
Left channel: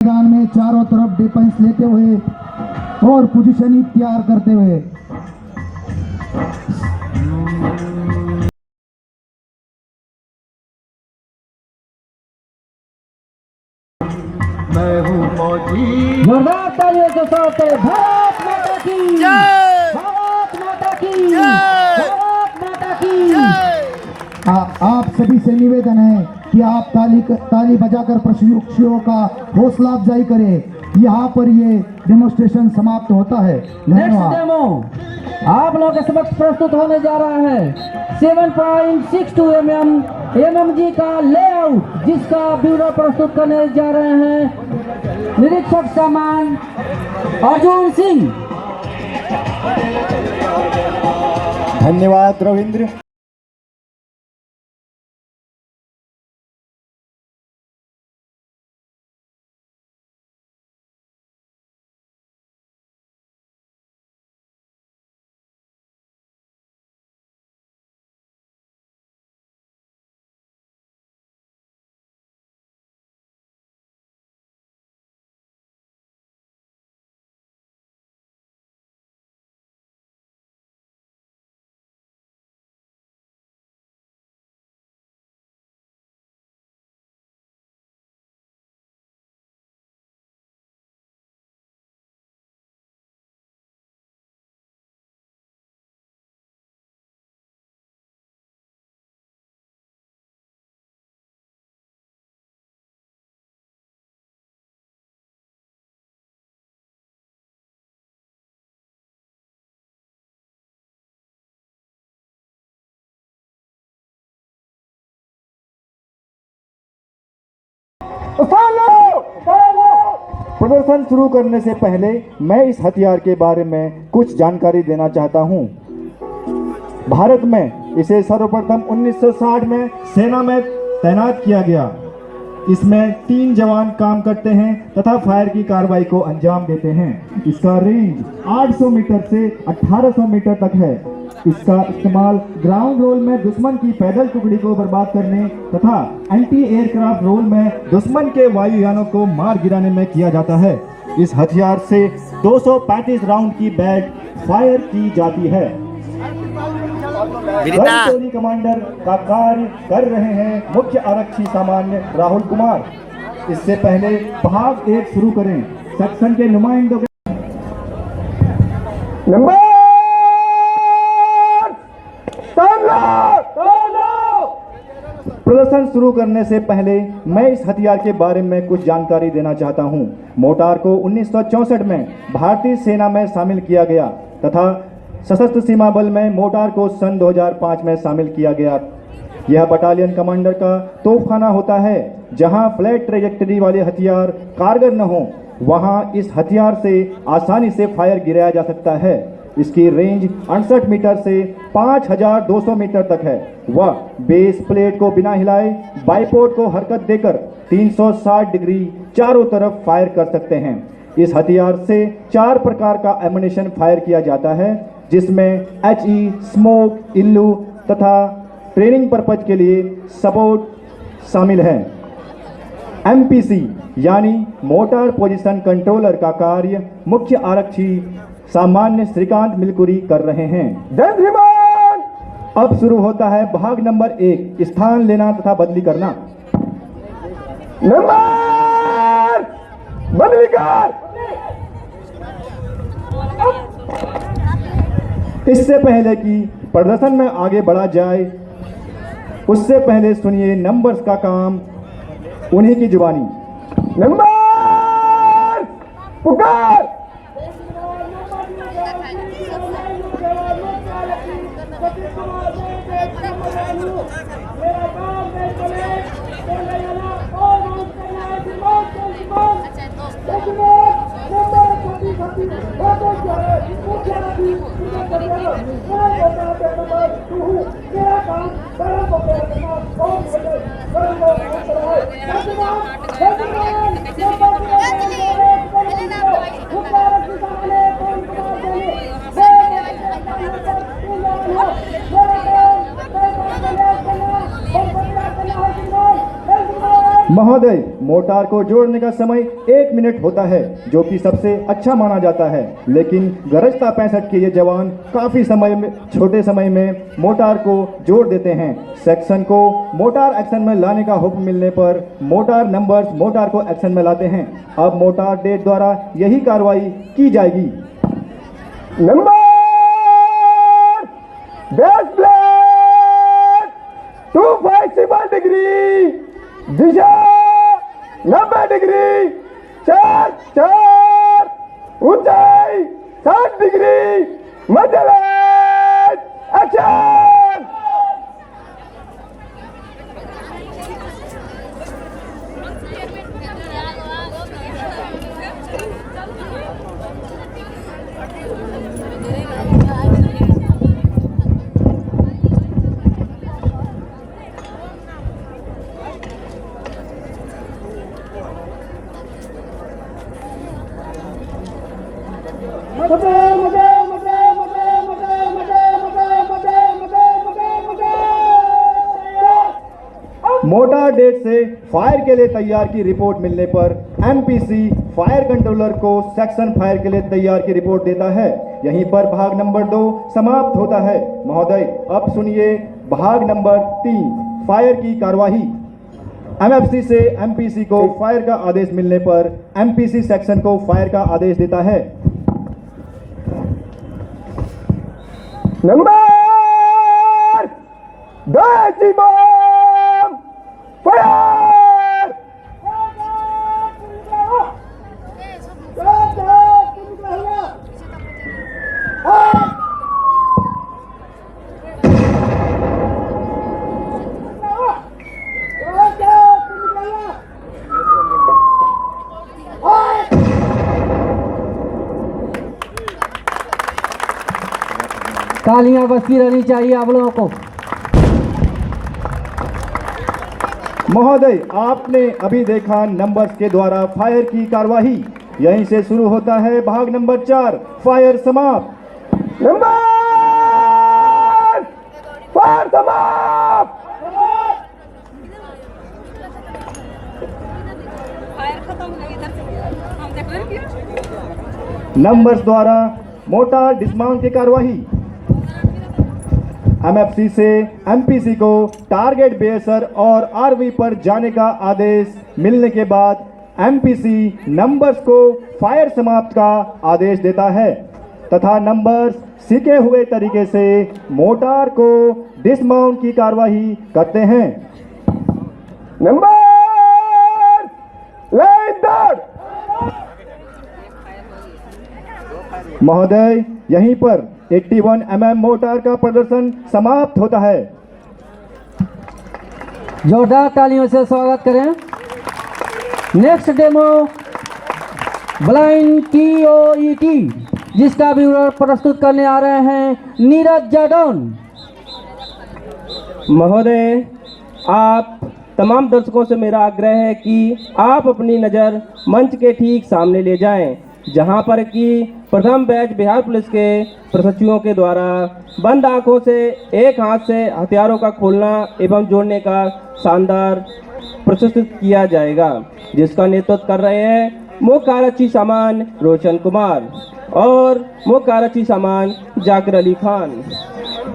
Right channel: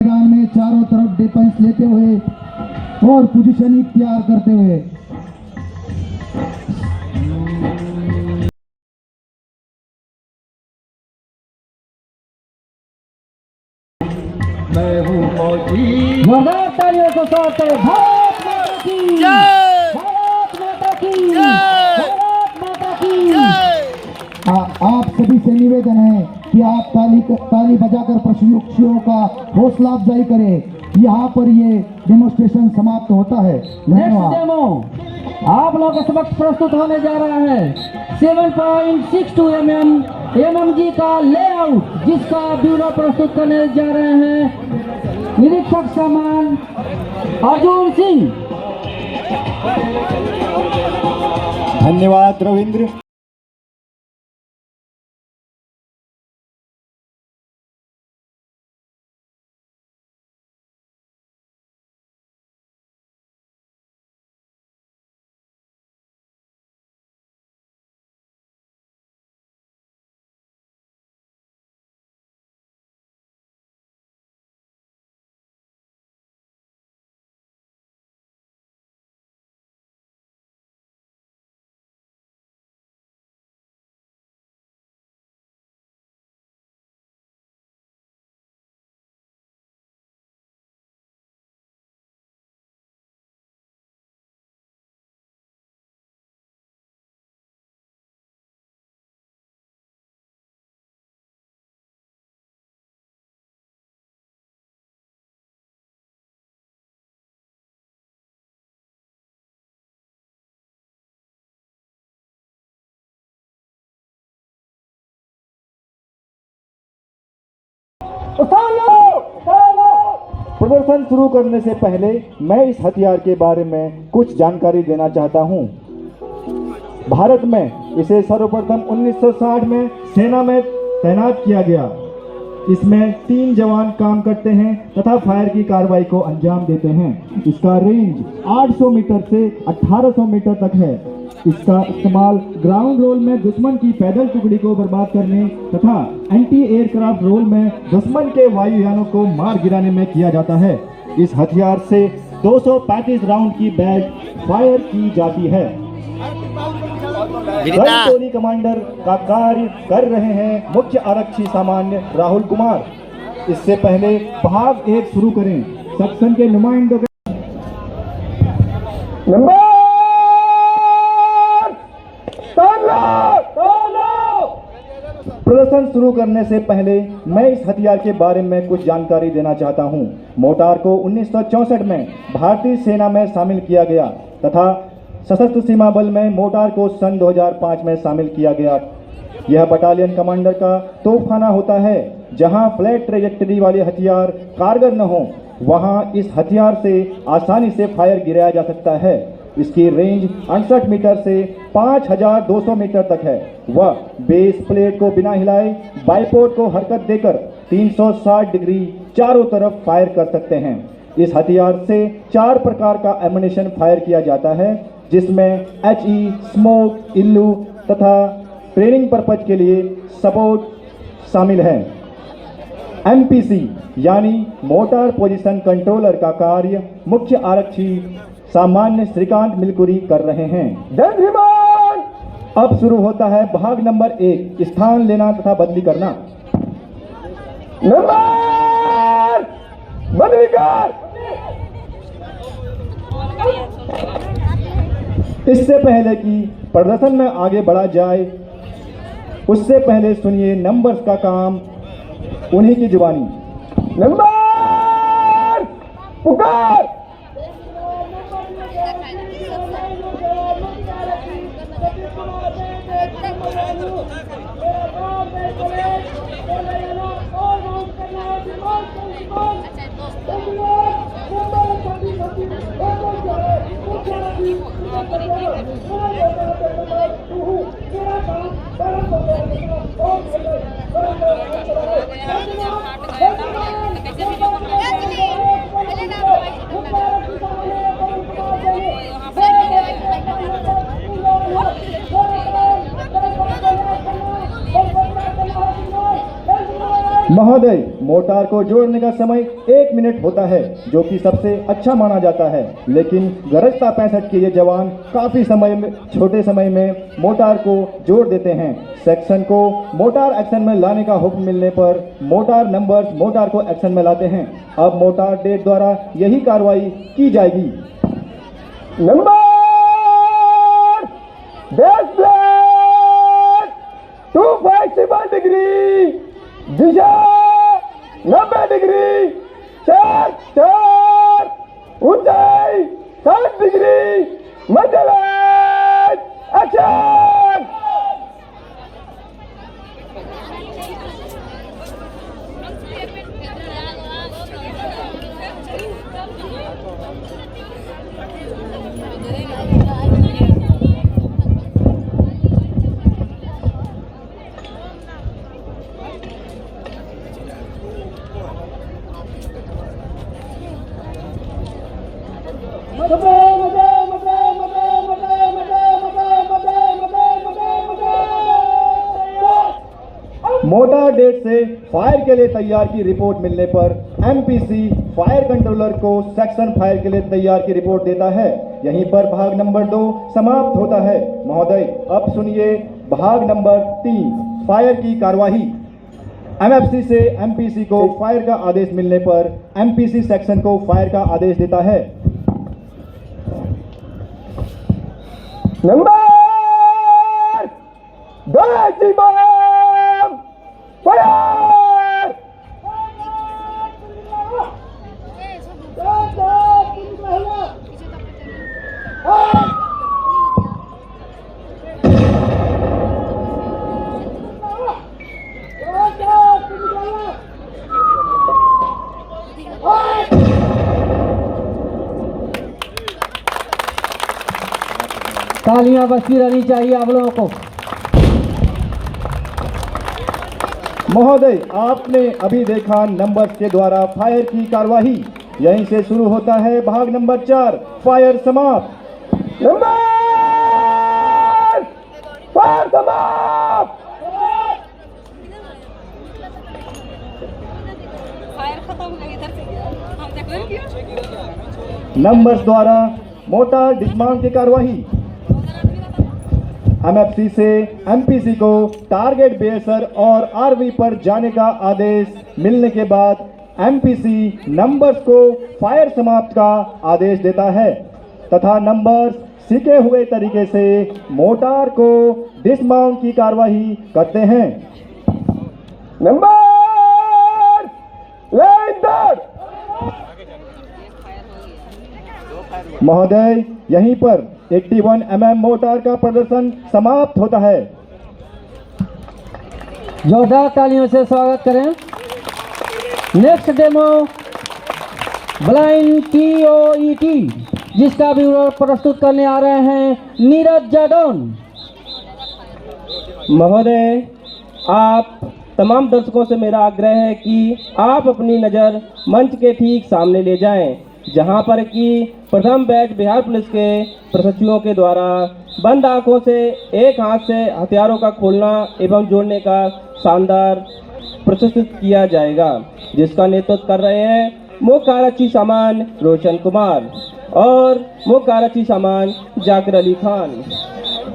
मैदान में चारों तरफ डिफेंस लेते हुए और पोजीशन इख्तियार करते हुए जोरदार तालियों के साथ भारत माता की जय, भारत माता की जय, भारत माता की जय। आप सभी से निवेदन है कि आप ताली बजाकर प्रशिक्षुओं का हौसला अफजाई करें। यहाँ पर ये डेमोन्स्ट्रेशन समाप्त होता है। धन्यवाद। आप लोग के समक्ष प्रस्तुत होने जा रहा है 7.62 एमएमजी का लेआउट, जिसका ब्यूरो प्रस्तुत करने जा रहे हैं निरीक्षक सामान अर्जुन सिंह। धन्यवाद रविंद्र। प्रदर्शन शुरू करने से पहले मैं इस हथियार के बारे में कुछ जानकारी देना चाहता हूं। भारत में इसे सर्वप्रथम 1960 में सेना में तैनात किया गया। इसमें 3 जवान काम करते हैं तथा फायर की कार्रवाई को अंजाम देते हैं। इसका रेंज 800 मीटर से 1800 मीटर तक है। इसका इस्तेमाल ग्राउंड रोल में दुश्मन की पैदल टुकड़ी को बर्बाद करने तथा एंटी एयरक्राफ्ट रोल में दुश्मन के वायुयानों को मार गिराने में किया जाता है। इस हथियार से 235 राउंड की बैग फायर की जाती है। टोली कमांडर का कार्य कर रहे हैं मुख्य आरक्षी सामान्य राहुल कुमार। इससे पहले भाग 1 शुरू करें। सेक्शन के नुमाइंदों के प्रदर्शन शुरू करने से पहले मैं इस हथियार के बारे में कुछ जानकारी देना चाहता हूं। मोर्टार को 1964 में भारतीय सेना में शामिल किया गया तथा सशस्त्र सीमा बल में मोर्टार को सन 2005 में शामिल किया गया। यह बटालियन कमांडर का तोपखाना होता है। जहां फ्लैट ट्रेजेक्टरी वाले हथियार कारगर न हो, वहां इस हथियार से आसानी से फायर गिराया जा सकता है। इसकी रेंज 68 मीटर से 5200 मीटर तक है। वह बेस प्लेट को बिना हिलाए बाइपोर्ट को हरकत देकर 360 डिग्री चारों तरफ फायर कर सकते हैं। इस हथियार से 4 प्रकार का एमुनेशन फायर किया जाता है, जिसमें HE, स्मोक, इल्लू तथा ट्रेनिंग पर्पज के लिए सपोर्ट शामिल है। MPC यानी मोटार पोजीशन कंट्रोलर का कार्य मुख्य आरक्षी सामान्य श्रीकांत मिलकुरी कर रहे हैं। जय भीमान। अब शुरू होता है भाग नंबर 1, स्थान लेना तथा बदली करना। नंबर बदली कर। इससे पहले कि प्रदर्शन में आगे बढ़ा जाए, उससे पहले सुनिए नंबर्स का काम उन्हीं की जुबानी। नंबर पुकार। महोदय, मोटार को जोड़ने का समय 1 मिनट होता है, जो कि सबसे अच्छा माना जाता है। लेकिन गरजता 65 के ये जवान काफी छोटे समय में मोटार को जोड़ देते हैं। सेक्शन को मोटार एक्शन में लाने का हुक्म मिलने पर मोटार नंबर्स मोटार को एक्शन में लाते हैं। अब मोटार डेट द्वारा यही कार्रवाई की जाएगी। नंबर 257 डिग्री, दिशा 90 डिग्री, 4 ऊंचाई 60 डिग्री, एक्शन। मोटा डेट से फायर के लिए तैयार की रिपोर्ट मिलने पर एमपीसी फायर कंट्रोलर को सेक्शन फायर के लिए तैयार की रिपोर्ट देता है। यहीं पर भाग नंबर 2 समाप्त होता है। महोदय अब सुनिए भाग नंबर 3 फायर की कार्यवाही। एमएफसी से एमपीसी को फायर का आदेश मिलने पर एमपीसी सेक्शन को फायर का आदेश देता है। Number 10 fire. तालियां बजती रहनी चाहिए आप लोगों को। महोदय आपने अभी देखा नंबर्स के द्वारा फायर की कार्यवाही। यहीं से शुरू होता है भाग नंबर 4 फायर समाप्त। नंबर फायर समाप्त। नंबर्स द्वारा मोटार डिस्माउंट की कार्यवाही। एमएफसी से एमपीसी को टारगेट बेसर और आरवी पर जाने का आदेश मिलने के बाद एमपीसी नंबर्स को फायर समाप्त का आदेश देता है तथा नंबर्स सीखे हुए तरीके से मोटार को डिसमाउंट की कार्यवाही करते हैं। नंबर महोदय यहीं पर 81 mm मोटार का प्रदर्शन समाप्त होता है। जोरदार तालियों से स्वागत करें। नेक्स्ट डेमो ब्लाइंड टीओईटी जिसका विवरण प्रस्तुत करने आ रहे हैं नीरज जादौन। महोदय आप तमाम दर्शकों से मेरा आग्रह है कि आप अपनी नज़र मंच के ठीक सामने ले जाएं, जहां पर कि प्रथम बैच बिहार पुलिस के प्रशिक्षुओं के द्वारा बंद आंखों से एक हाथ से हथियारों का खोलना एवं जोड़ने का शानदार प्रदर्शित किया जाएगा, जिसका नेतृत्व कर रहे हैं मुख्य आरक्षी सामान रोशन कुमार और मुख्य आरक्षी सामान जाकिर अली खान।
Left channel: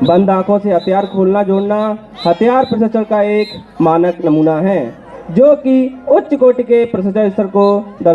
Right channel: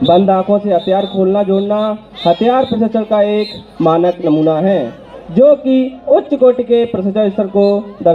बंद आंखों से हथियार खोलना जोड़ना हथियार प्रशिक्षण का एक मानक नमूना है, जो कि उच्च कोटि के प्रशिक्षण स्तर को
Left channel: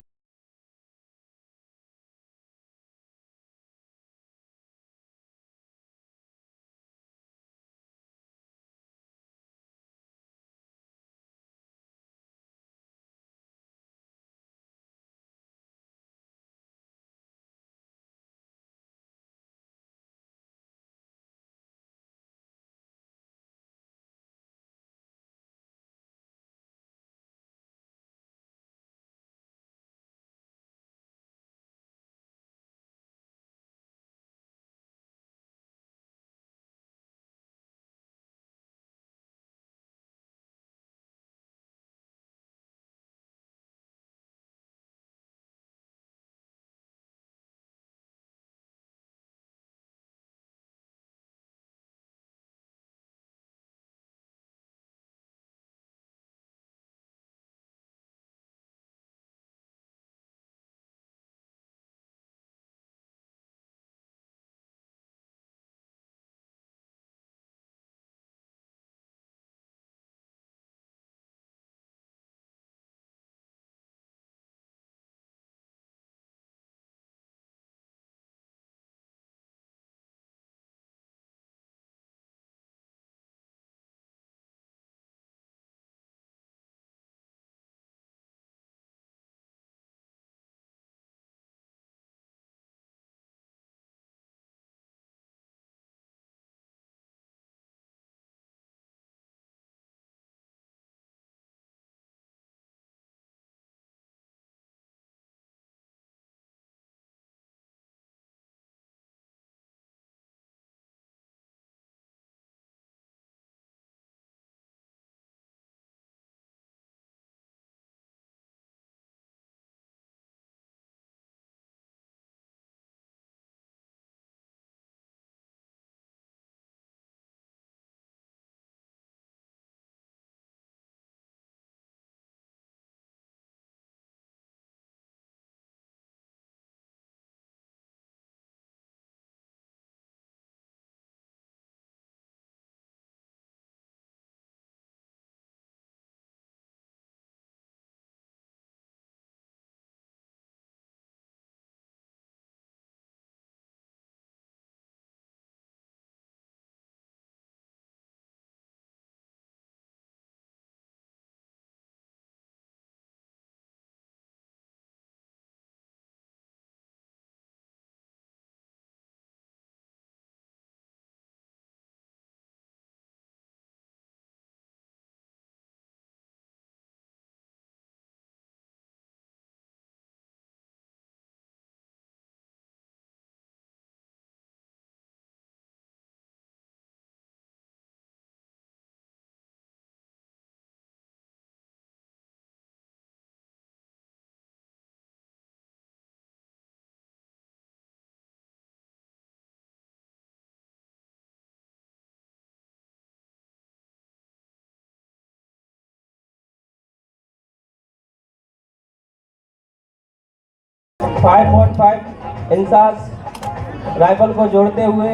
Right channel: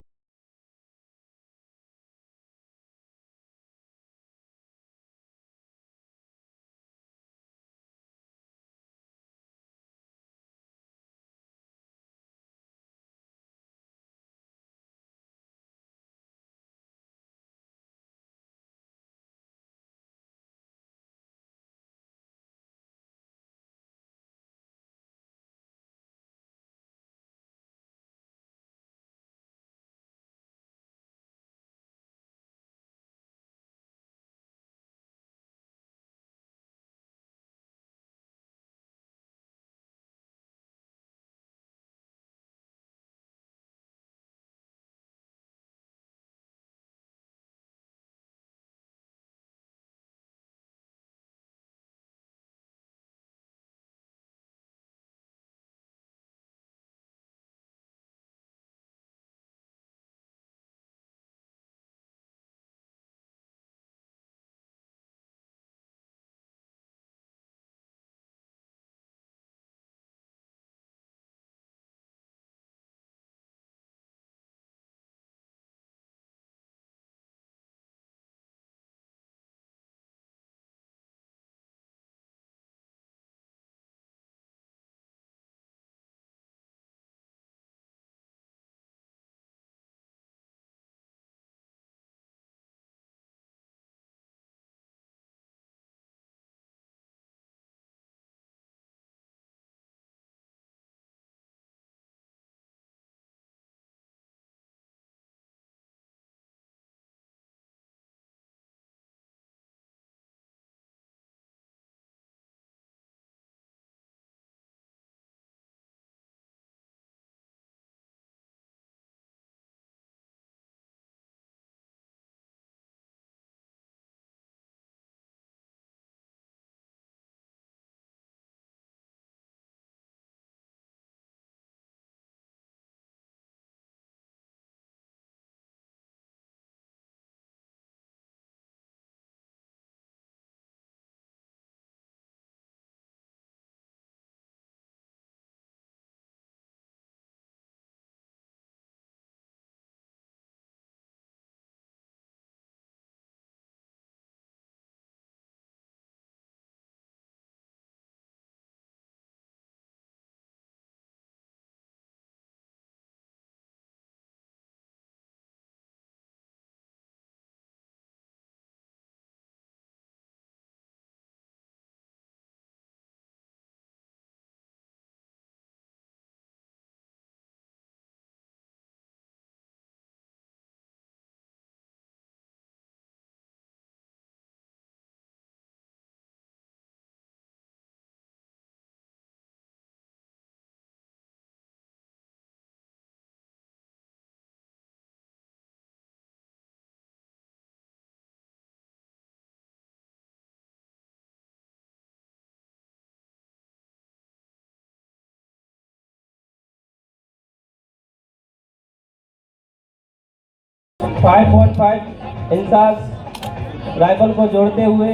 5.5 इंसास राइफल को जोड़ते हुए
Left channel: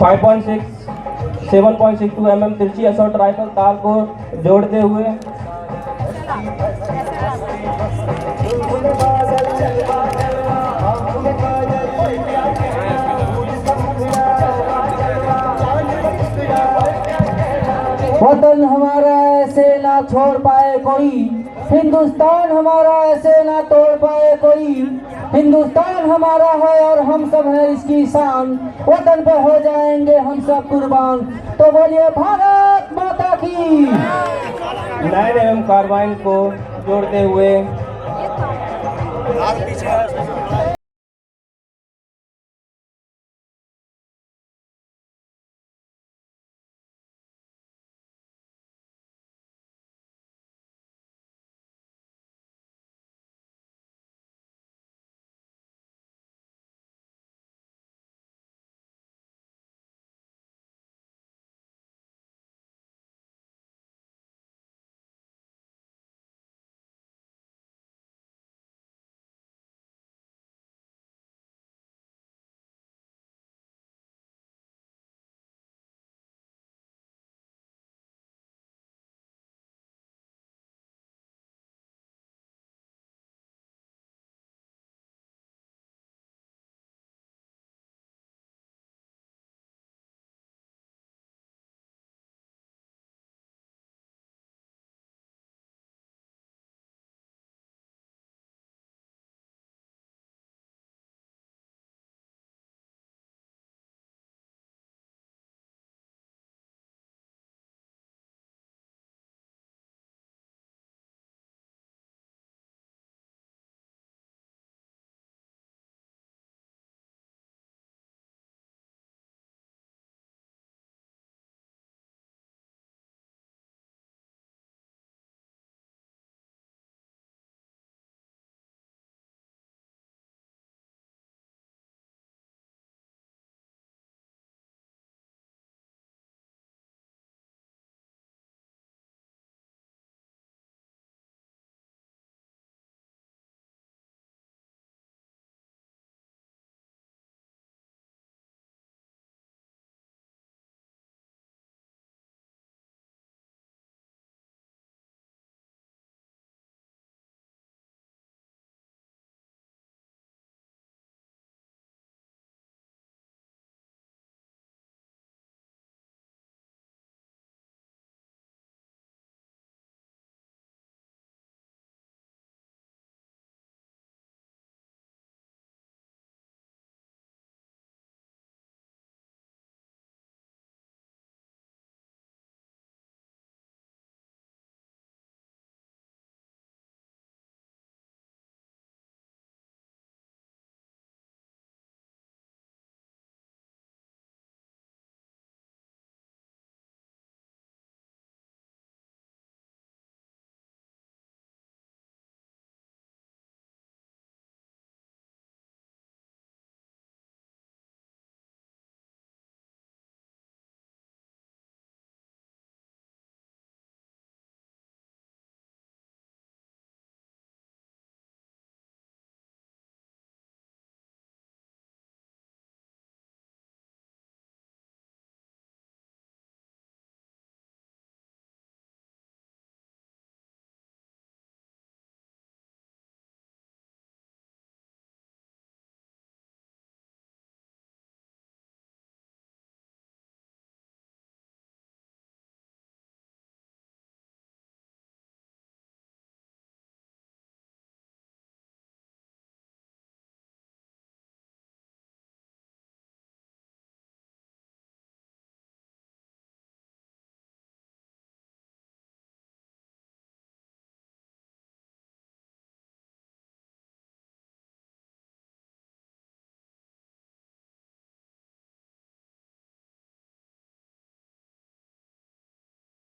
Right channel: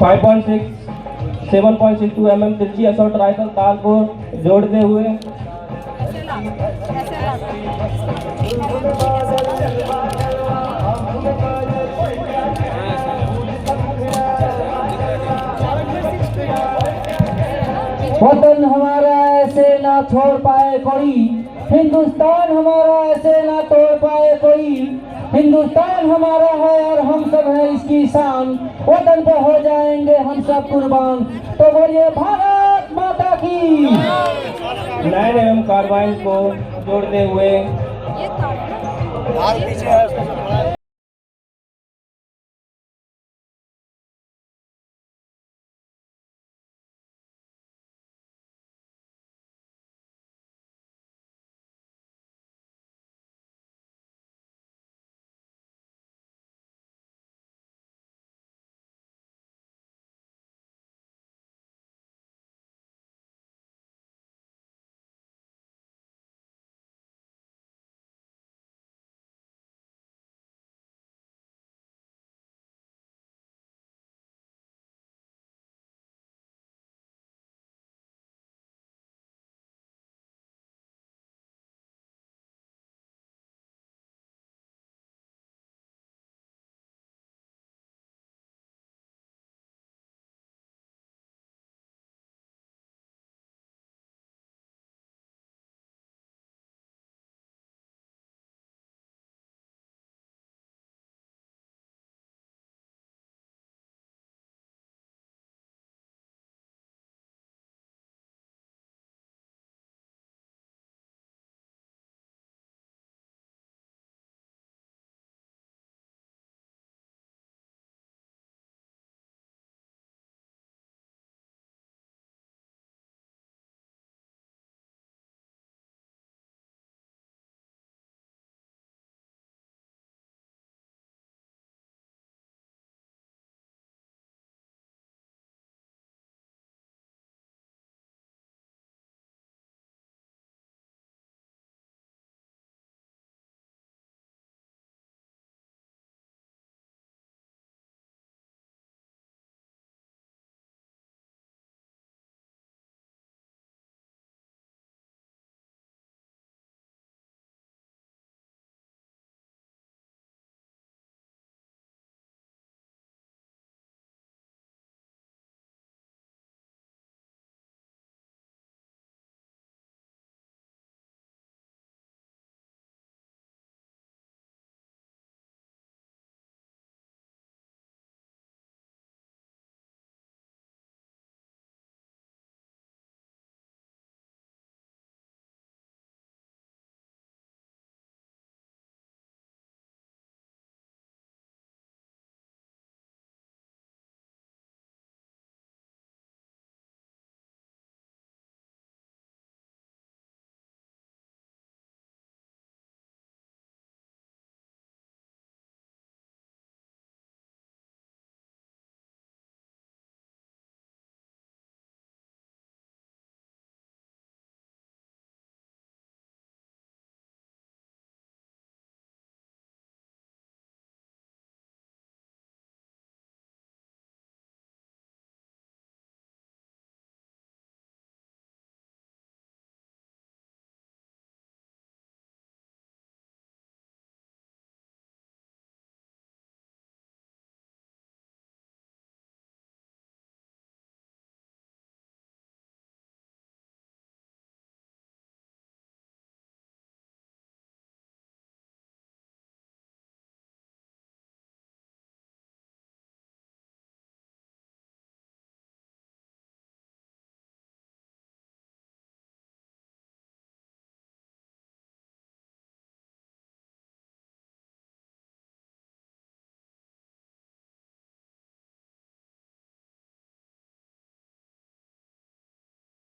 5.6 7.62 mm तिरछी असॉल्ट राइफल तार को जोड़ते हुए वतन हमारा ऐसे ना छोड़ पाए कोई, हिंदुस्तान हमारा ऐसे ना तोड़ पाए कोई। हिंदुस्तान हमारा है और हम सब हैं इसकी शान, वतन पे हो जाएंगे हम सब कुर्बान। तो बोलिए भारत माता की। 9 mm कार्बाइन को जोड़ते हुए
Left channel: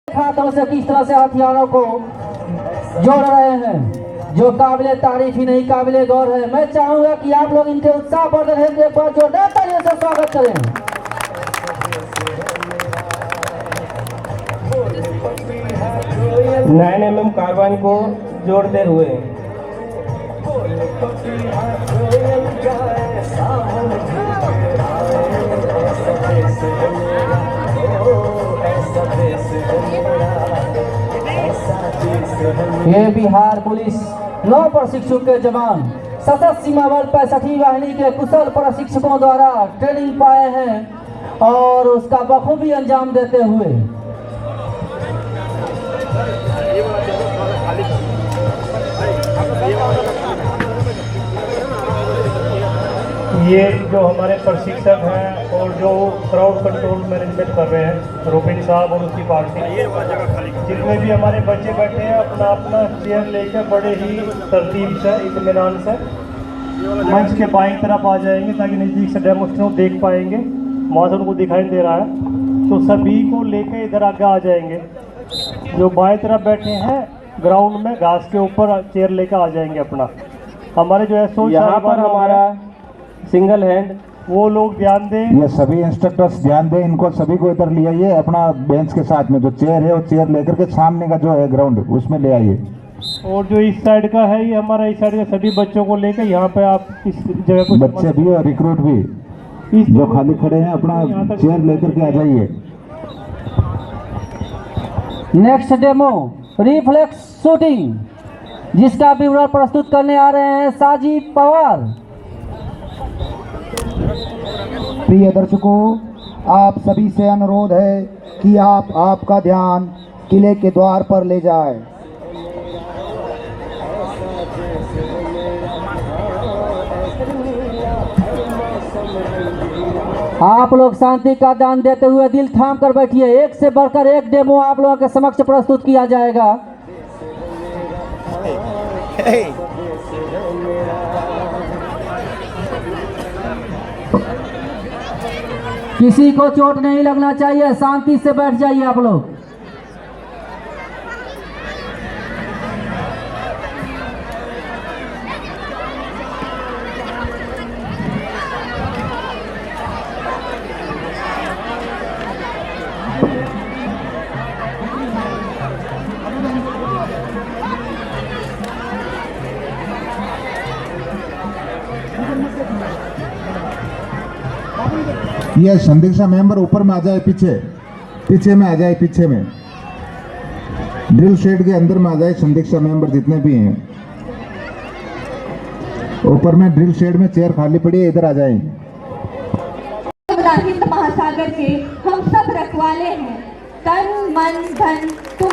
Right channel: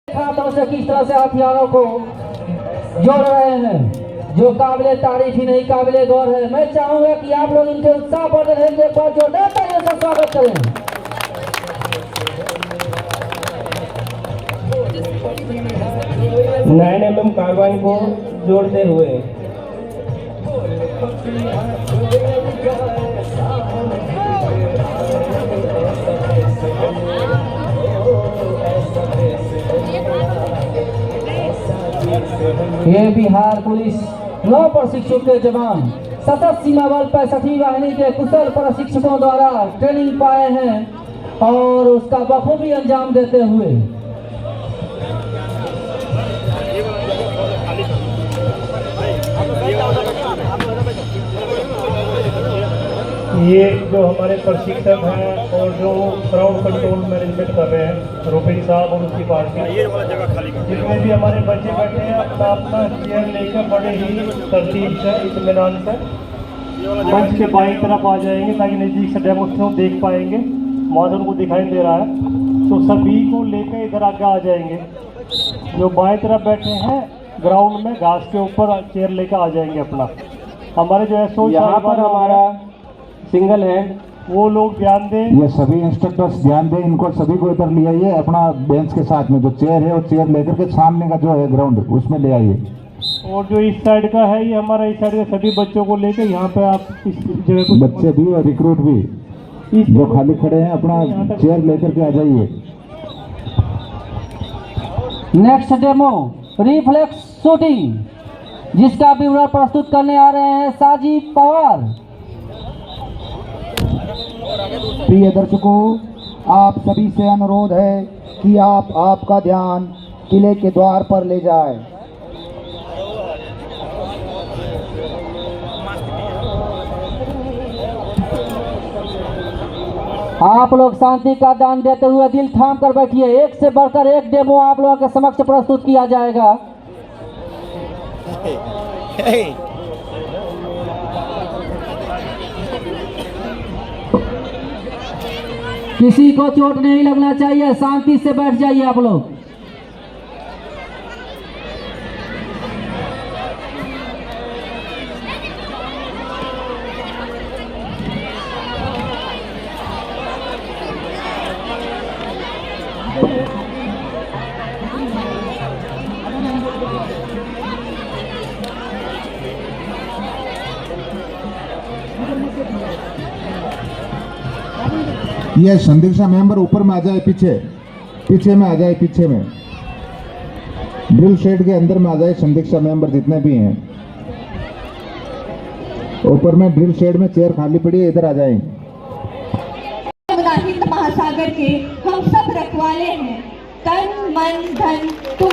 हाथों से किस तरह से हथियारों को जोड़ रहे हैं, जो काबिले तारीफ ही नहीं काबिले गौर है। मैं चाहूंगा कि आप लोग इनके उत्साह बढ़ रहे हैं, एक बार जोरदार तालियों से स्वागत करें। 9 mm कार्बाइन को जोड़ते हुए ये बिहार पुलिस नौ प्रशिक्षु के जवान सशस्त्र सीमा बल 65वीं वाहिनी के कुशल प्रशिक्षकों द्वारा ट्रेनिंग पाए हैं और उसका बखूबी अंजाम देते हुए ये जो हमारे प्रशिक्षक हैं और जो क्राउड कंट्रोल मैनेजमेंट कर रहे हैं रोबिन साहब और उसकी पार्टी, जितने भी हमारे बच्चे बैठे हैं अपना अपना चेयर लेकर बड़े ही तरतीब से इत्मीनान से मंच के बाईं तरफ आ जाएंगे ताकि नज़दीक से डेमोस्ट्रेशन देख पाएंगे। वहाँ से उनको दिखाई दे रहा है, तो सभी को लेकर इधर आगे आ जाएंगे। जो बाईं तरफ बैठे हैं ग्राउंड में घास के ऊपर चेयर लेकर आ जाएंगे अपना। हमारे जो है यहाँ पर हमारा सिंगल हैंड, वो लोग ध्यान दें। ये सभी इंस्ट्रक्टर्स ध्यान दें, इनको सभी को इधर ले आइए। अपना बेंच के साथ में जो चेयर है वो चेयर लेकर के सामने का जो है ग्राउंड उसमें ले आइए। और जो इस साइड का है ये हमारा इस साइड के सभी बच्चों को लेकर यहाँ पे आप इस जगह को बच्चे भी और रिक्रूट भी जो खाली खड़े हैं अपना चेयर लेकर के आ जाइए। नेक्स्ट डेमो रिफ्लेक्स शूटिंग, जिसका विवरण प्रस्तुत करने आ रहे हैं साजिद पवार। प्रिय दर्शकों, आप सभी से अनुरोध है कि आप आपका ध्यान किले के द्वार पर ले जाएं। आप लोग शांति का दान देते हुए दिल थाम कर बैठिए। एक से बढ़कर एक डेमो आप लोगों के समक्ष प्रस्तुत किया जाएगा। किसी को चोट नहीं लगना चाहिए, शांति से बैठ जाइए आप लोग। ये संदिग्ध मेंबर ऊपर में आ जाए, पीछे में आ जाए, पीछे में ड्रिल शेड के अंदर में आ जाए। संदिग्ध मेंबर जितने भी हैं ऊपर में ड्रिल शेड में चेयर खाली पड़ी है, इधर आ जाए। हिंद महासागर के हम सब रखवाले हैं, तन मन धन तुम